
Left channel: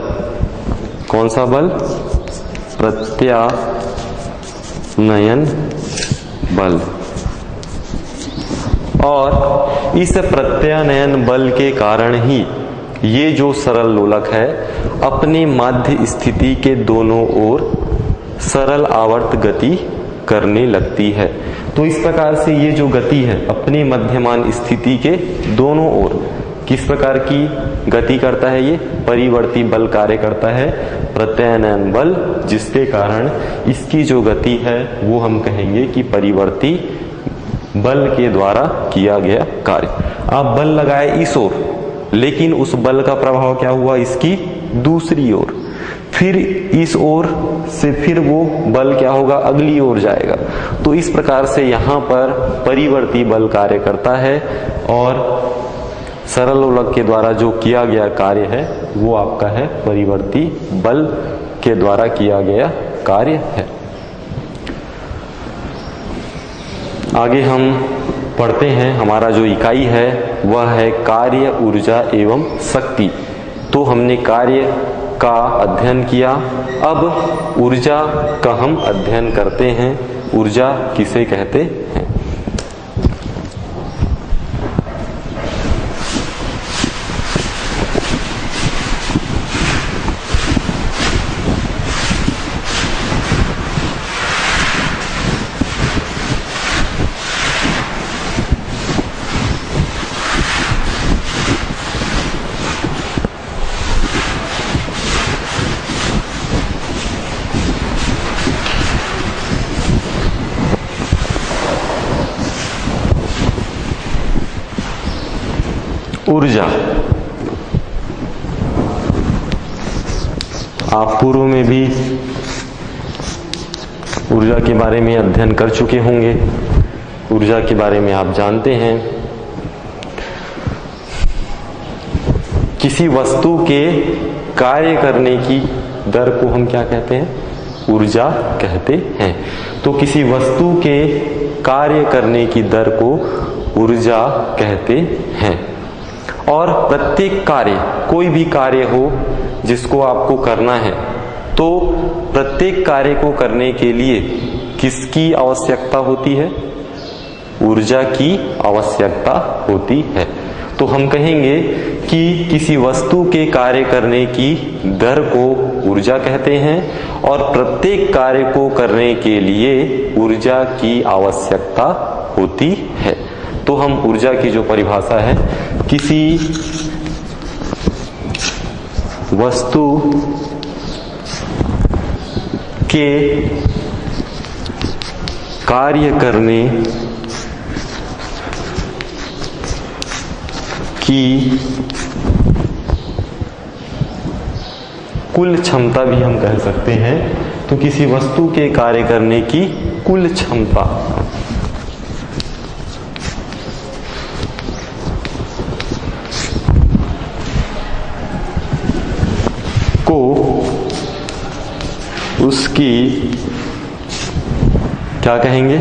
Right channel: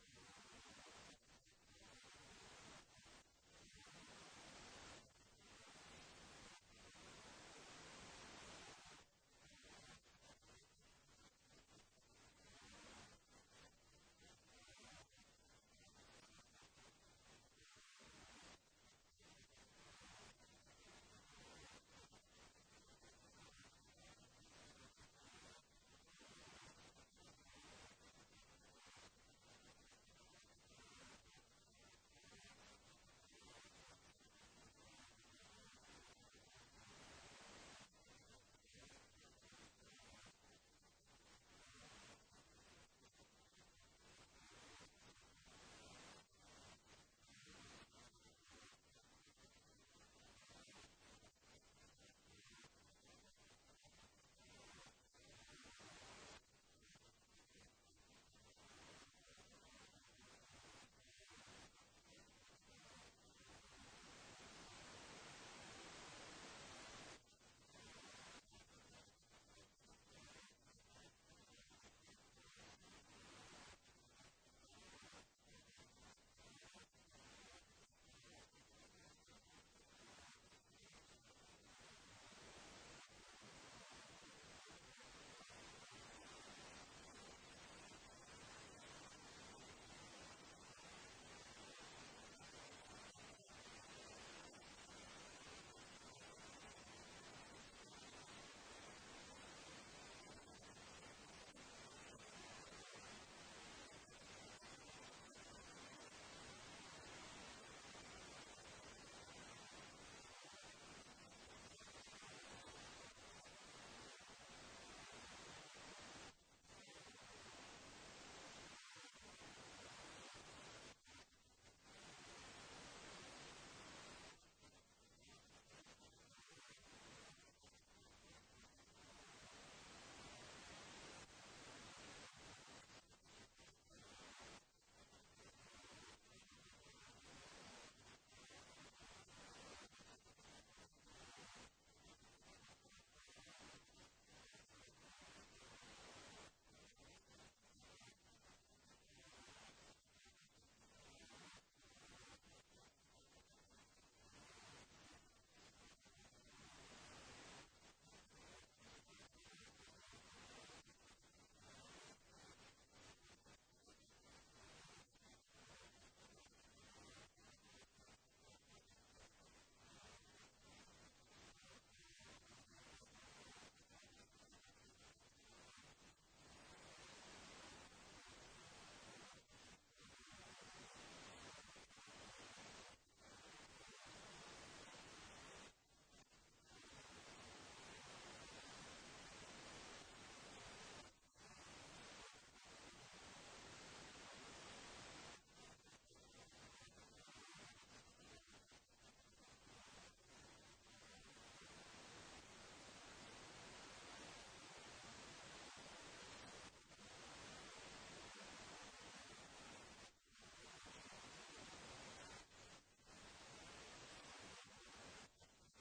कौन सा बल? प्रत्यानयन बल। और इस प्रत्यानयन बल के कारण ही ये जो सरल लोलक है अपने माध्य स्थिति के दोनों ओर सरल आवर्त गति करने लगती है। तो इस प्रकार से ये जो गति है अपने मध्यमान स्थिति के दोनों ओर किस प्रकार की गति करता है, ये परिवर्ती बल कार्य करता है, प्रत्यानयन बल, जिसके कारण इसकी जो गति है वो हम कहेंगे कि परिवर्ती बल के द्वारा किया गया कार्य। आप बल लगाए इस ओर, लेकिन उस बल का प्रभाव क्या हुआ इसकी दूसरी ओर, फिर इस ओर से फिर वो बल क्या होगा, अगली ओर जाएगा। तो इस प्रकार से यहाँ पर परिवर्ती बल कार्य करता है और सरल लोलक के द्वारा जो किया गया कार्य है वो आपका है परिवर्ती बल के द्वारा किया गया कार्य है। आगे हम पढ़ते हैं, हमारा जो इकाई है वह है कार्य, ऊर्जा एवं शक्ति। तो हमने कार्य का अध्ययन किया, अब ऊर्जा का हम अध्ययन करते हैं। ऊर्जा किसे कहते हैं? ऊर्जा, आप पूर्व में भी ऊर्जा के बारे में अध्ययन कर चुके होंगे, ऊर्जा के बारे में आप जानते हैं। किसी वस्तु के कार्य करने की दर को हम क्या कहते हैं? ऊर्जा कहते हैं। तो किसी वस्तु के कार्य करने की दर को ऊर्जा कहते हैं। और प्रत्येक कार्य, कोई भी कार्य हो जिसको आपको करना है, तो प्रत्येक कार्य को करने के लिए किसकी आवश्यकता होती है? ऊर्जा की आवश्यकता होती है। तो हम कहेंगे कि किसी वस्तु के कार्य करने की दर को ऊर्जा कहते हैं और प्रत्येक कार्य को करने के लिए ऊर्जा की आवश्यकता होती है। तो हम ऊर्जा की जो परिभाषा है, किसी वस्तु के कार्य करने की कुल क्षमता भी हम कह सकते हैं। तो किसी वस्तु के कार्य करने की कुल क्षमता को उसकी क्या कहेंगे?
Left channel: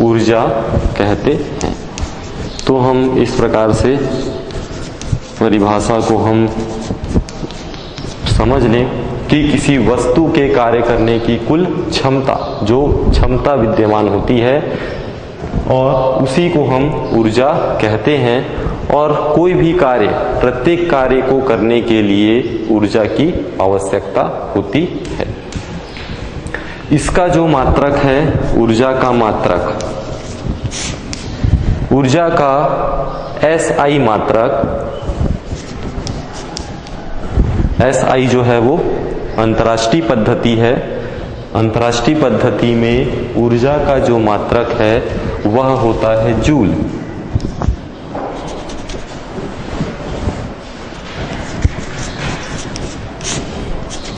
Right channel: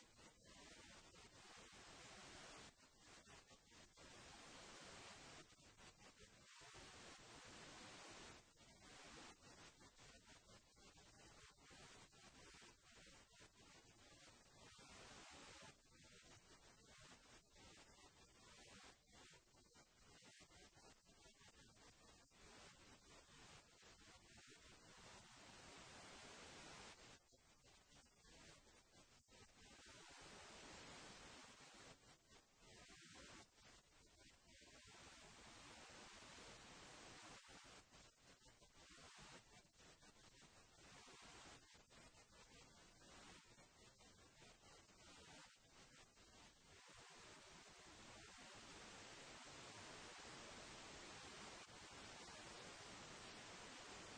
ऊर्जा कहते हैं। तो हम इस प्रकार से परिभाषा को हम समझ लें कि किसी वस्तु के कार्य करने की कुल क्षमता, जो क्षमता विद्यमान होती है, और उसी को हम ऊर्जा कहते हैं। और कोई भी कार्य, प्रत्येक कार्य को करने के लिए ऊर्जा की आवश्यकता होती है। इसका जो मात्रक है, ऊर्जा का मात्रक, ऊर्जा का SI मात्रक, SI जो है वो अंतर्राष्ट्रीय पद्धति है। अंतर्राष्ट्रीय पद्धति में ऊर्जा का जो मात्रक है वह होता है जूल।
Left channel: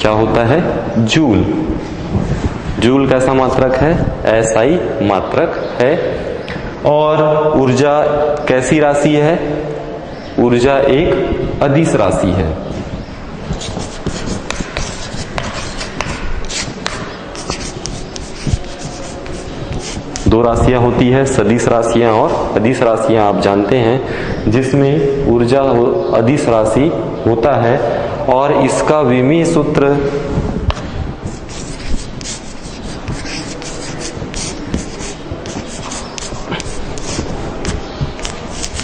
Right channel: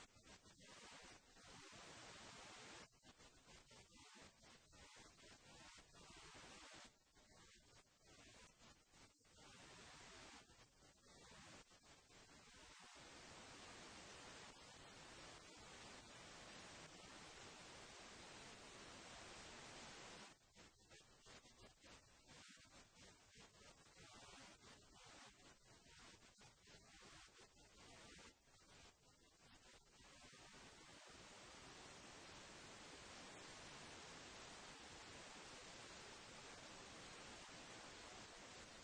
क्या होता है? जूल। जूल कैसा मात्रक है? एसआई मात्रक है। और ऊर्जा कैसी राशि है? ऊर्जा एक अदिश राशि है। दो राशियां होती है, सदिश राशियां और अदिश राशियां, आप जानते हैं, जिसमें ऊर्जा अदिश राशि होता है और इसका विमीय सूत्र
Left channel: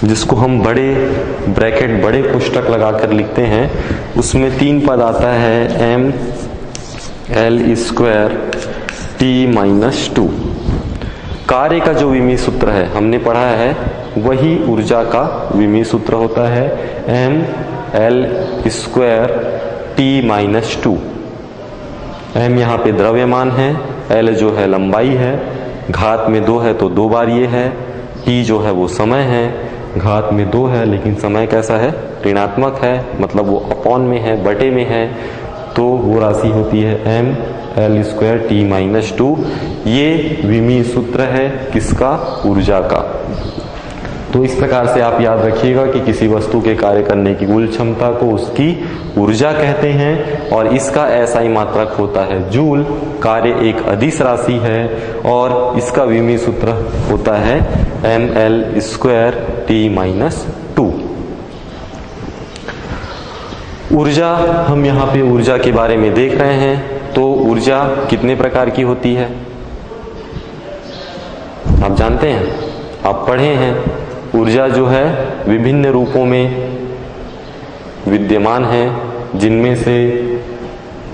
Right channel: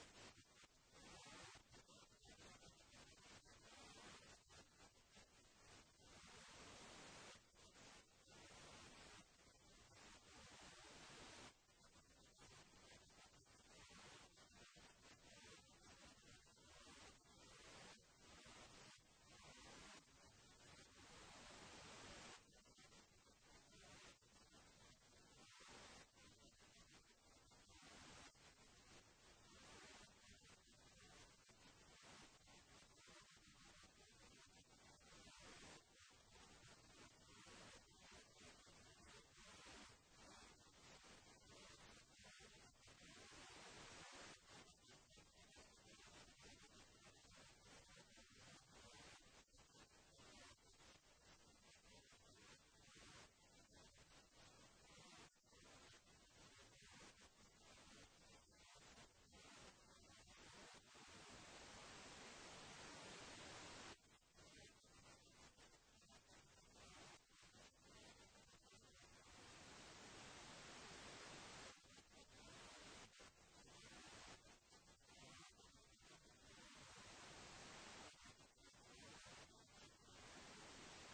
जिसको हम बड़े ब्रैकेट, बड़े पुस्तक लगाकर लिखते हैं, उसमें 3 पद आता है, ml² T-2। कार्य का जो विमीय सूत्र है हमने पढ़ा है, वही ऊर्जा का विमीय सूत्र होता है, ml² T-2। m यहाँ पे द्रव्यमान है, l जो है लंबाई है, घात में 2 है तो 2 बार ये है, t जो है वो समय है, घात में 2 है लेकिन समय कैसा है? ऋणात्मक है, मतलब वो अपॉन में है, बटे में है, तो वो राशि होती है ml² T-2। ये विमीय सूत्र है किसका? ऊर्जा का। तो इस प्रकार से आप याद रखिएगा कि किसी वस्तु के कार्य करने की कुल क्षमता को उसकी ऊर्जा कहते हैं और इसका एसआई मात्रक होता है जूल। कार्य एक अदिश राशि है और इसका विमीय सूत्र होता है ml² T-2। ऊर्जा, हम यहाँ पे ऊर्जा के बारे में देख रहे हैं। तो ऊर्जा कितने प्रकार की होती है आप जानते हैं, आप पढ़े हैं। ऊर्जा जो है विभिन्न रूपों में विद्यमान है, जिनमें से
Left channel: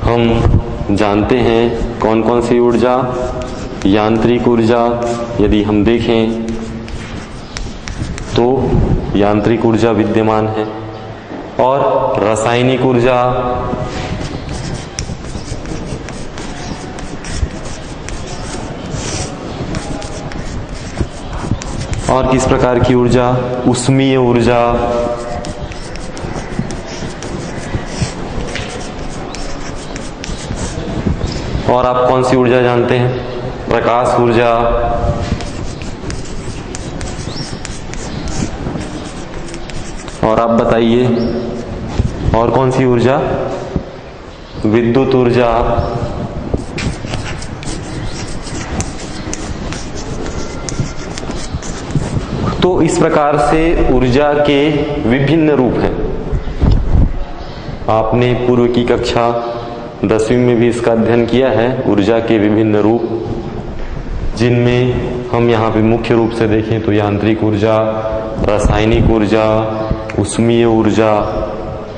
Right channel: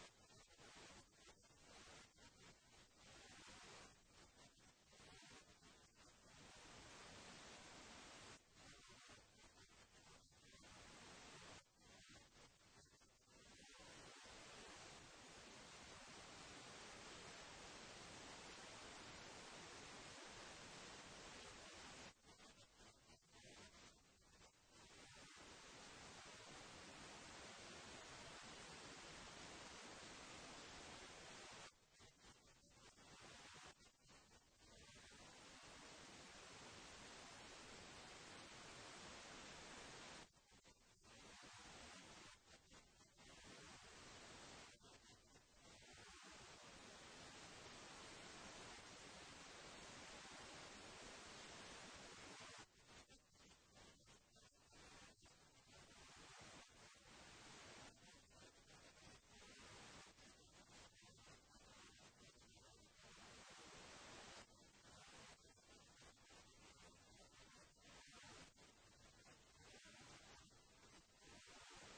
हम जानते हैं कौन कौन सी ऊर्जा। यांत्रिक ऊर्जा यदि हम देखें तो यांत्रिक ऊर्जा विद्यमान है, और रासायनिक ऊर्जा, और किस प्रकार की ऊर्जा? ऊष्मीय ऊर्जा, और आप कौन सी ऊर्जा जानते हैं? प्रकाश ऊर्जा, और आप बताइए और कौन सी ऊर्जा? विद्युत ऊर्जा, तो इस प्रकार से ऊर्जा के विभिन्न रूप हैं। आपने पूर्व की कक्षा 10वीं में भी इसका अध्ययन किया है, ऊर्जा के विभिन्न रूप, जिनमें हम यहाँ पे मुख्य रूप से देखें तो यांत्रिक ऊर्जा, रासायनिक ऊर्जा, ऊष्मीय ऊर्जा,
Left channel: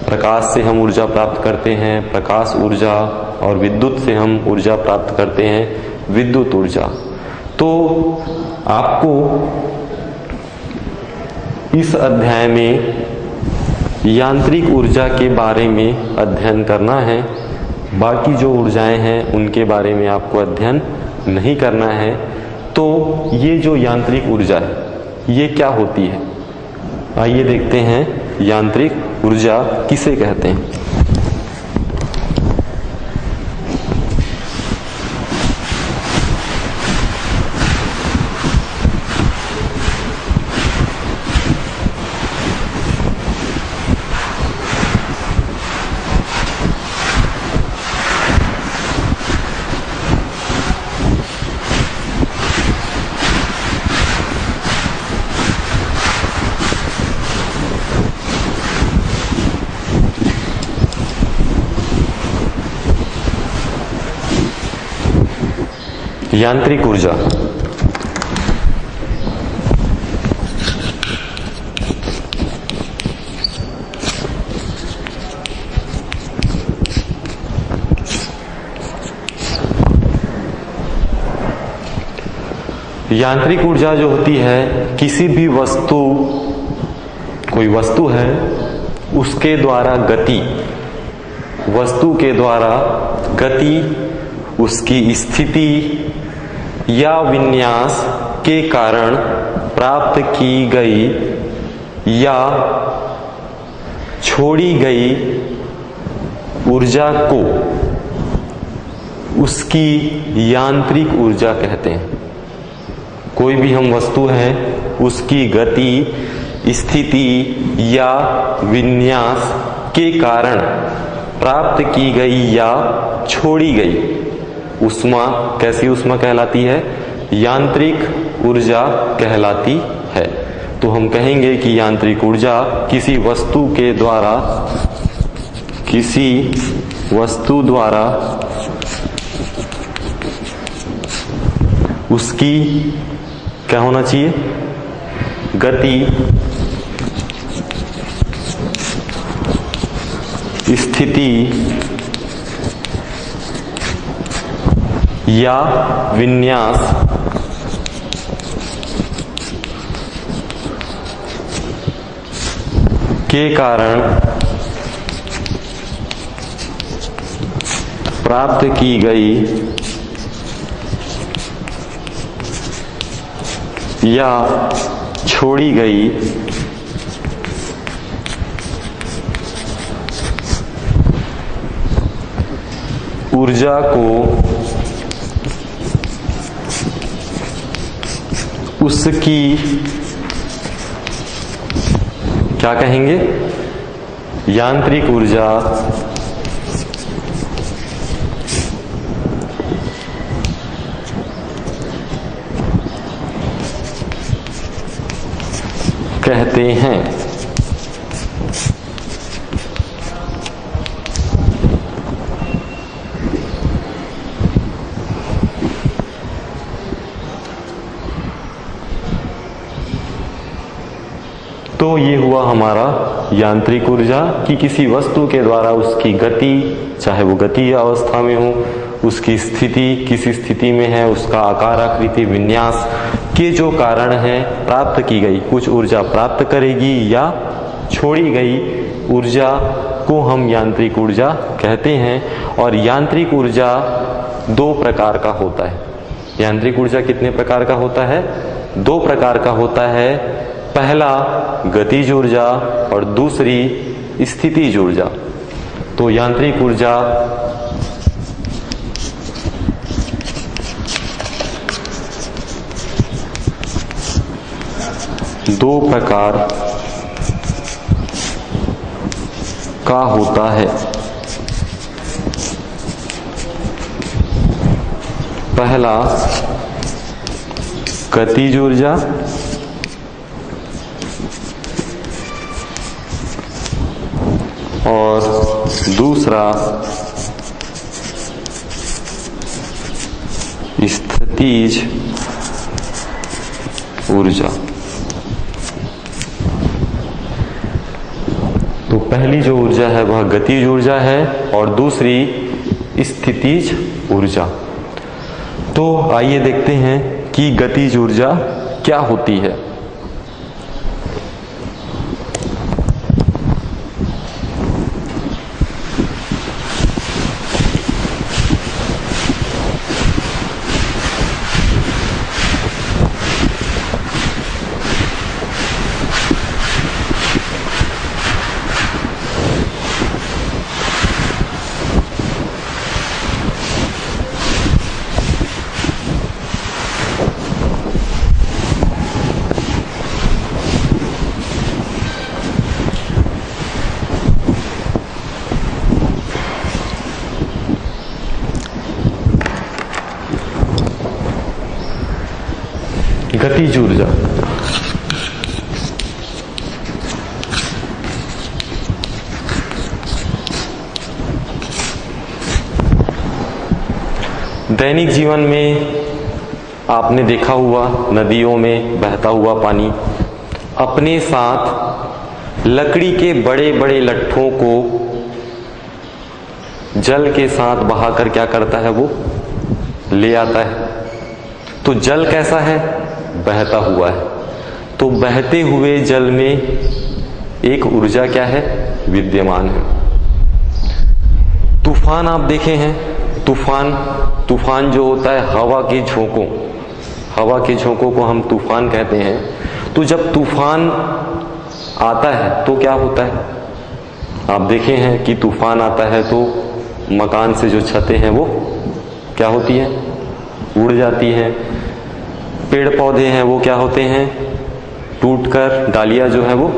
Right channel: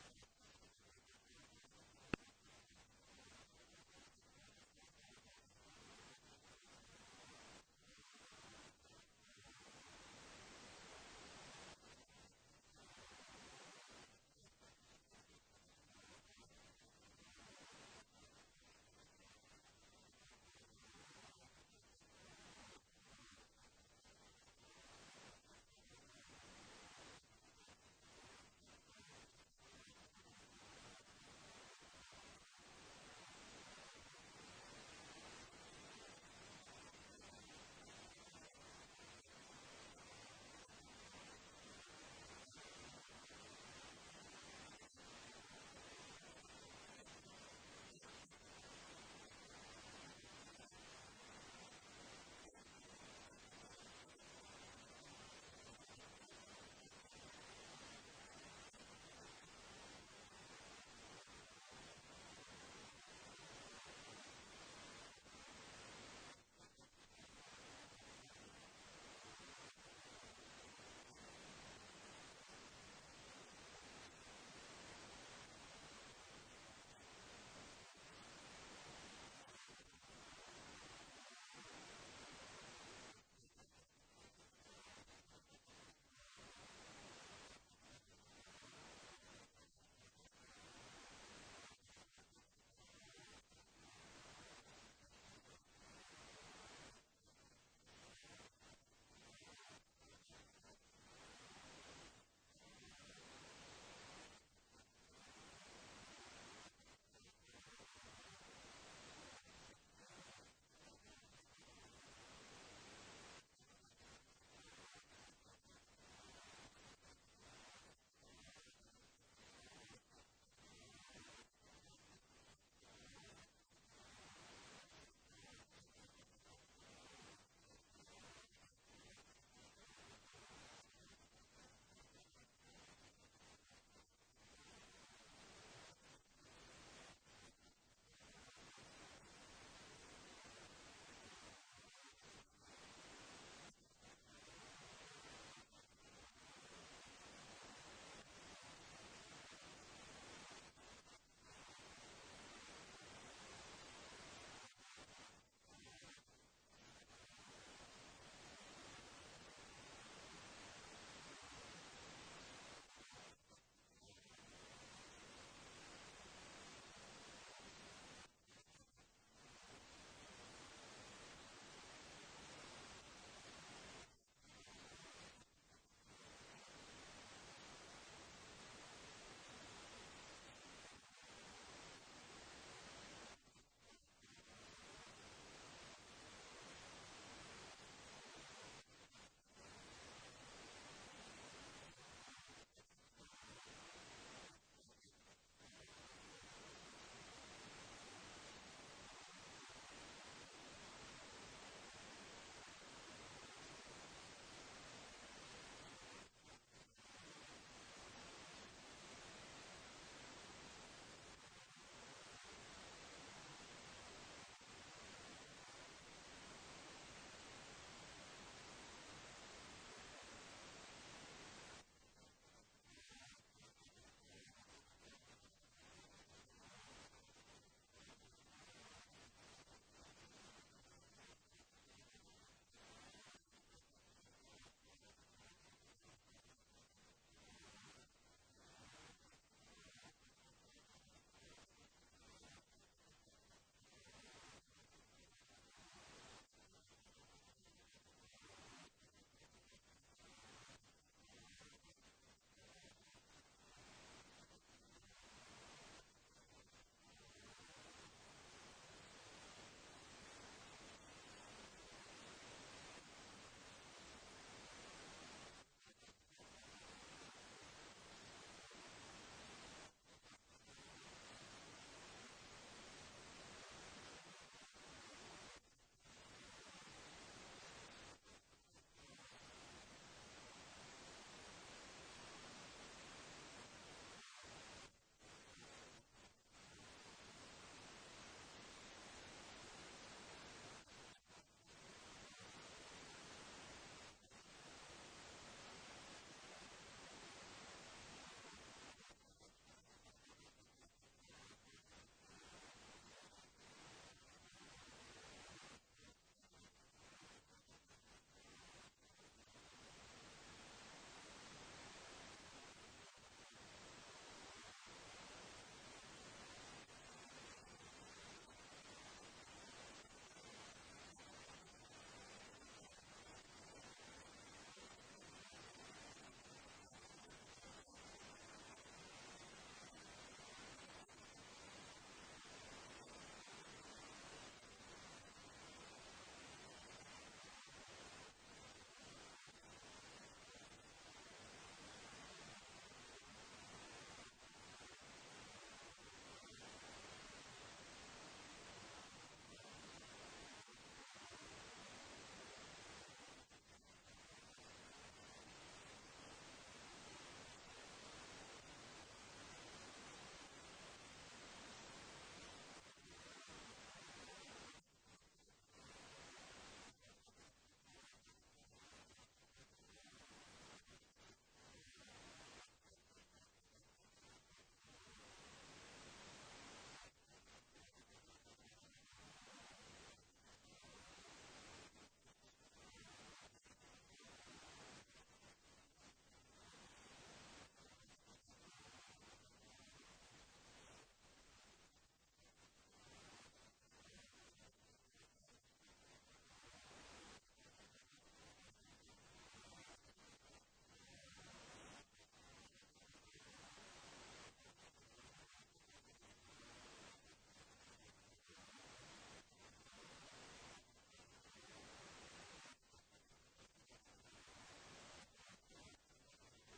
प्रकाश से हम ऊर्जा प्राप्त करते हैं प्रकाश ऊर्जा, और विद्युत से हम ऊर्जा प्राप्त करते हैं विद्युत ऊर्जा। तो आपको इस अध्याय में यांत्रिक ऊर्जा के बारे में अध्ययन करना है। बाकी जो ऊर्जाएं हैं उनके बारे में आपको अध्ययन नहीं करना है। तो ये जो यांत्रिक ऊर्जा है ये क्या होती है, आइए देखते हैं यांत्रिक ऊर्जा किसे कहते हैं। यांत्रिक ऊर्जा, यांत्रिक ऊर्जा जो होती है किसी भी वस्तु, कोई वस्तु है उसके द्वारा गति, वस्तु के द्वारा गति, उसकी स्थिति या विन्यास के कारण प्राप्त की गई या छोड़ी गई ऊर्जा को उसकी यांत्रिक ऊर्जा कहते हैं। कोई भी हम वस्तु है उसकी गति, स्थिति या विन्यास के कारण प्राप्त की गई या छोड़ी गई ऊष्मा कैसी ऊष्मा कहलाती है? यांत्रिक ऊर्जा कहलाती है। तो हम कहेंगे कि यांत्रिक ऊर्जा किसी वस्तु द्वारा उसकी क्या होना चाहिए? गति, स्थिति या विन्यास के कारण प्राप्त की गई या छोड़ी गई ऊर्जा को उसकी क्या कहेंगे? यांत्रिक ऊर्जा कहते हैं। तो ये हुआ हमारा यांत्रिक ऊर्जा कि किसी वस्तु के द्वारा उसकी गति, चाहे वो गति अवस्था में हो, उसकी स्थिति किस स्थिति में है, उसका आकार, आकृति, विन्यास के जो कारण है प्राप्त की गई कुछ ऊर्जा प्राप्त करेगी या छोड़ी गई ऊर्जा को हम यांत्रिक ऊर्जा कहते हैं। और यांत्रिक ऊर्जा दो प्रकार का होता है। यांत्रिक ऊर्जा कितने प्रकार का होता है? दो प्रकार का होता है। पहला गतिज ऊर्जा और दूसरी स्थितिज ऊर्जा। तो यांत्रिक ऊर्जा दो प्रकार का होता है। पहला गतिज ऊर्जा और दूसरा स्थितिज ऊर्जा। तो पहली जो ऊर्जा है वह गतिज ऊर्जा है और दूसरी स्थितिज ऊर्जा। तो आइए देखते हैं कि गतिज ऊर्जा क्या होती है। गतिज ऊर्जा दैनिक जीवन में आपने देखा हुआ नदियों में बहता हुआ पानी अपने साथ लकड़ी के बड़े बड़े लट्ठों को जल के साथ बहाकर क्या करता है? वो ले आता है। तो जल कैसा है? बहता हुआ है। तो बहते हुए जल में एक ऊर्जा क्या है? विद्यमान है। तूफान आप देखे हैं? तूफान जो होता है हवा के झोंकों को हम तूफान कहते हैं। तो जब तूफान आता है तो क्या होता है? आप देखे हैं कि तूफान आता है तो मकान से जो छतें हैं वो क्या होती है, उड़ जाती है। पेड़ पौधे हैं वो क्या होते हैं, टूटकर डालियां जो है वो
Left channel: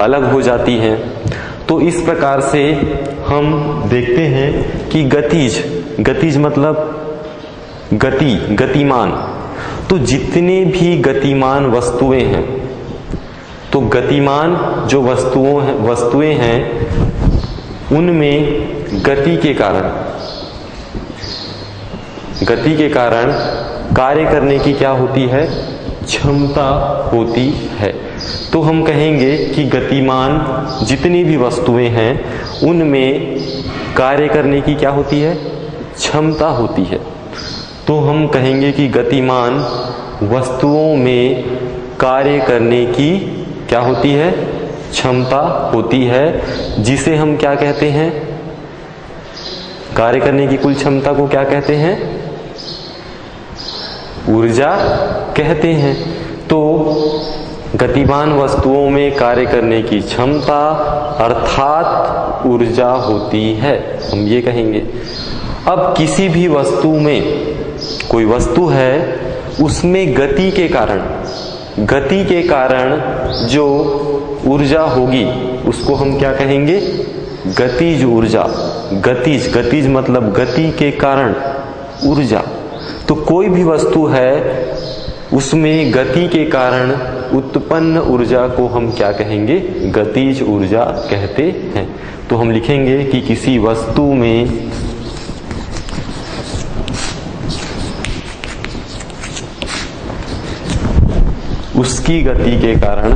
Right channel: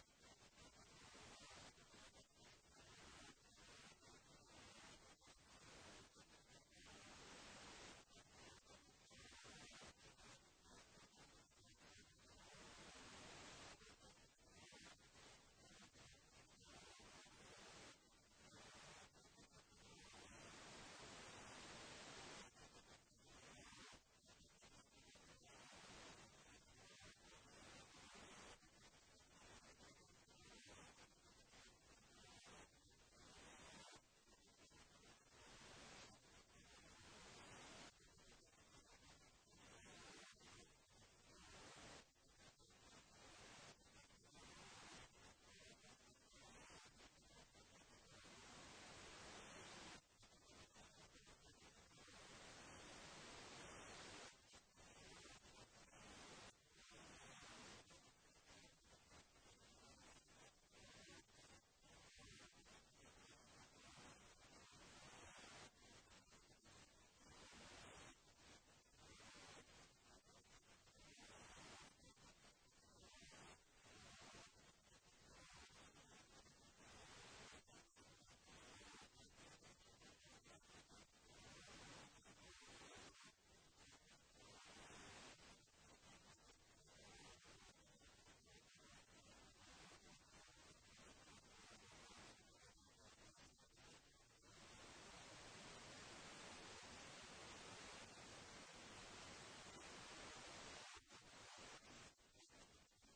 अलग हो जाती हैं। तो इस प्रकार से हम देखते हैं कि गतिज मतलब गति, गतिमान। तो जितने भी गतिमान वस्तुएं हैं, तो गतिमान जो वस्तुएं हैं उनमें गति के कारण कार्य करने की क्या होती है, क्षमता होती है। तो हम कहेंगे कि गतिमान जितनी भी वस्तुएं हैं उनमें कार्य करने की क्या होती है, क्षमता होती है। तो हम कहेंगे कि गतिमान वस्तुओं में कार्य करने की क्या होती है, क्षमता होती है, जिसे हम क्या कहते हैं, कार्य करने की कुल क्षमता को क्या कहते हैं, ऊर्जा कहते हैं। तो गतिमान वस्तुओं में कार्य करने की क्षमता अर्थात ऊर्जा होती है, हम ये कहेंगे। अब किसी भी वस्तु में, कोई वस्तु है उसमें गति के कारण जो ऊर्जा होगी उसको हम क्या कहेंगे, गतिज ऊर्जा। गतिज मतलब गति के कारण ऊर्जा। तो कोई भी वस्तु है उसमें गति के कारण उत्पन्न ऊर्जा को हम क्या कहेंगे, गतिज ऊर्जा कहते हैं। तो हम लिखेंगे कि किसी वस्तु में उसकी गति के कारण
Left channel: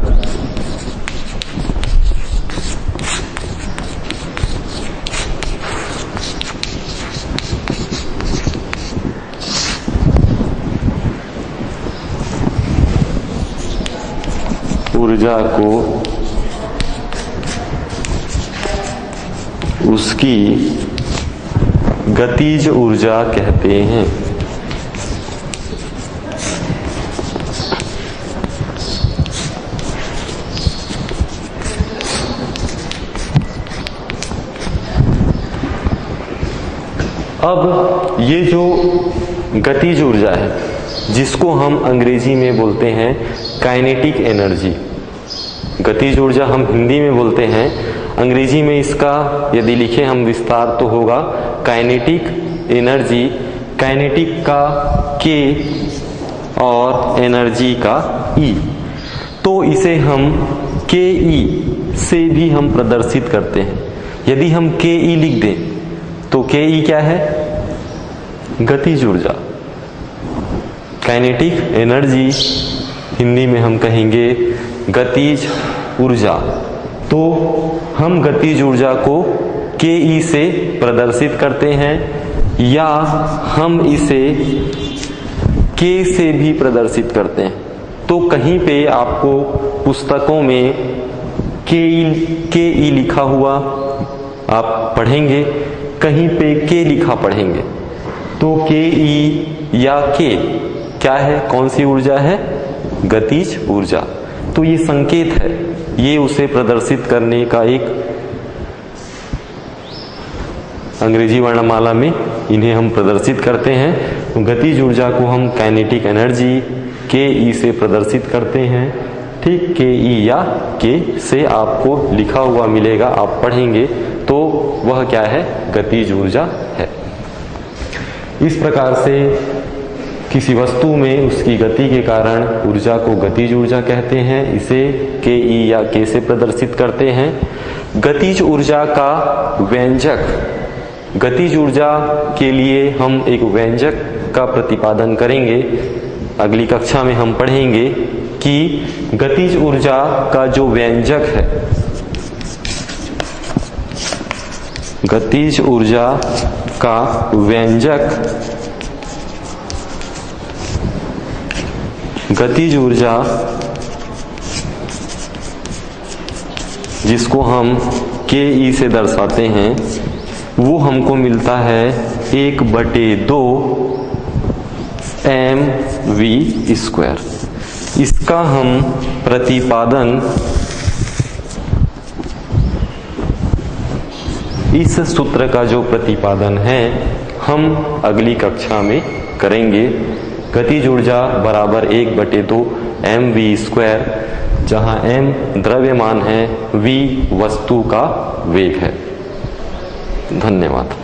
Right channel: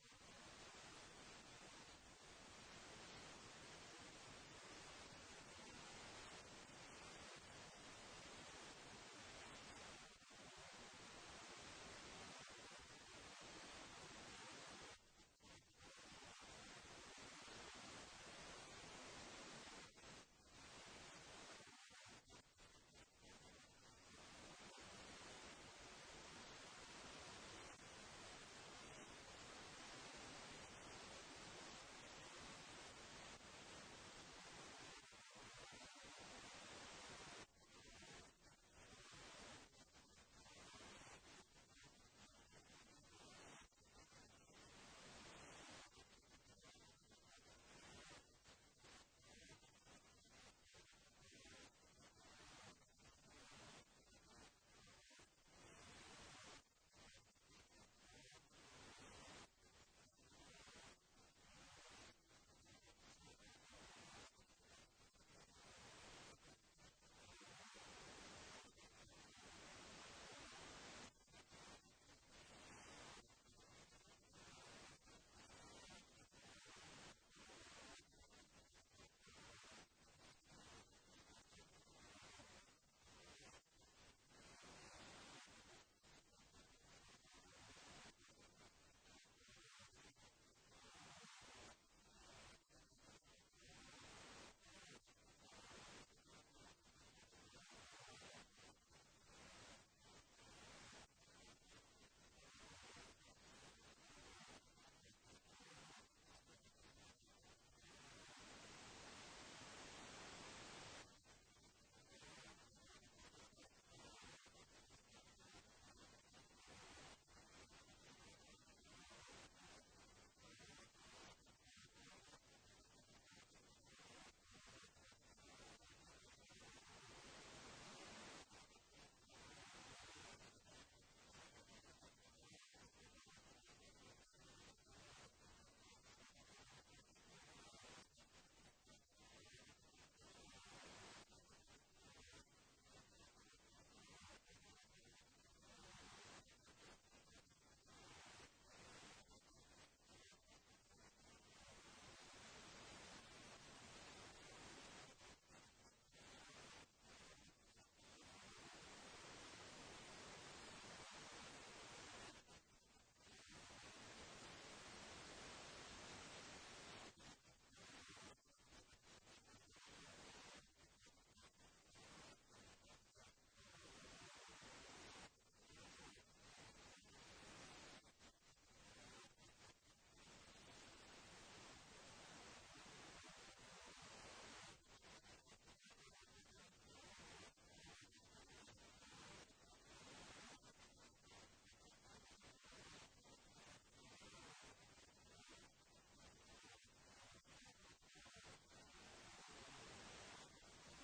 ऊर्जा को उसकी गतिज ऊर्जा कहते हैं। अब ये जो गतिज ऊर्जा है जिसको हम अंग्रेजी में बोलते हैं काइनेटिक एनर्जी, गतिज ऊर्जा हम हिंदी में बोलते हैं, अंग्रेजी में इसका यदि लिखे हम विस्तार तो होगा काइनेटिक एनर्जी। काइनेटिक का के और एनर्जी का ई। तो इसे हम के ई से भी हम प्रदर्शित करते हैं। यदि हम के ई लिख दें तो के ई क्या है, गतिज ऊर्जा। काइनेटिक एनर्जी हिंदी में हम कहेंगे गतिज ऊर्जा। तो हम गतिज ऊर्जा को के ई से प्रदर्शित करते हैं या हम इसे के से भी प्रदर्शित करते हैं। तो कहीं पे आपको पुस्तकों में के ई लिखा हुआ आप पढ़ेंगे, कहीं पे के लिखा पढ़ेंगे। तो के ई या के क्या है, कौन सी ऊर्जा है, गतिज ऊर्जा। तो ये संकेत है, ये उसे प्रदर्शित करने का एक अंग्रेजी वर्णमाला में इन्हें हम प्रदर्शित करते हैं। तो गतिज ऊर्जा को हम काइनेटिक एनर्जी के ई से प्रदर्शित करते हैं। ठीक, के ई या के से आपको लिखा हुआ मिलेगा, आप पढ़ेंगे तो वह क्या है, गतिज ऊर्जा है। इस प्रकार से किसी वस्तु में उसकी गति के कारण ऊर्जा को गतिज ऊर्जा कहते हैं, इसे के ई या के से प्रदर्शित करते हैं। गतिज ऊर्जा का व्यंजक, गतिज ऊर्जा के लिए हम एक व्यंजक का प्रतिपादन करेंगे। अगली कक्षा में हम पढ़ेंगे कि गतिज ऊर्जा का जो व्यंजक है, गतिज ऊर्जा का व्यंजक, गतिज ऊर्जा जिसको हम के ई से दर्शाते हैं, वो हमको मिलता है 1/2 mv²। इसका हम प्रतिपादन इस सूत्र का जो प्रतिपादन है हम अगली कक्षा में करेंगे। गतिज ऊर्जा बराबर 1/2 mv², जहां m द्रव्यमान है, v वस्तु का वेग है। धन्यवाद।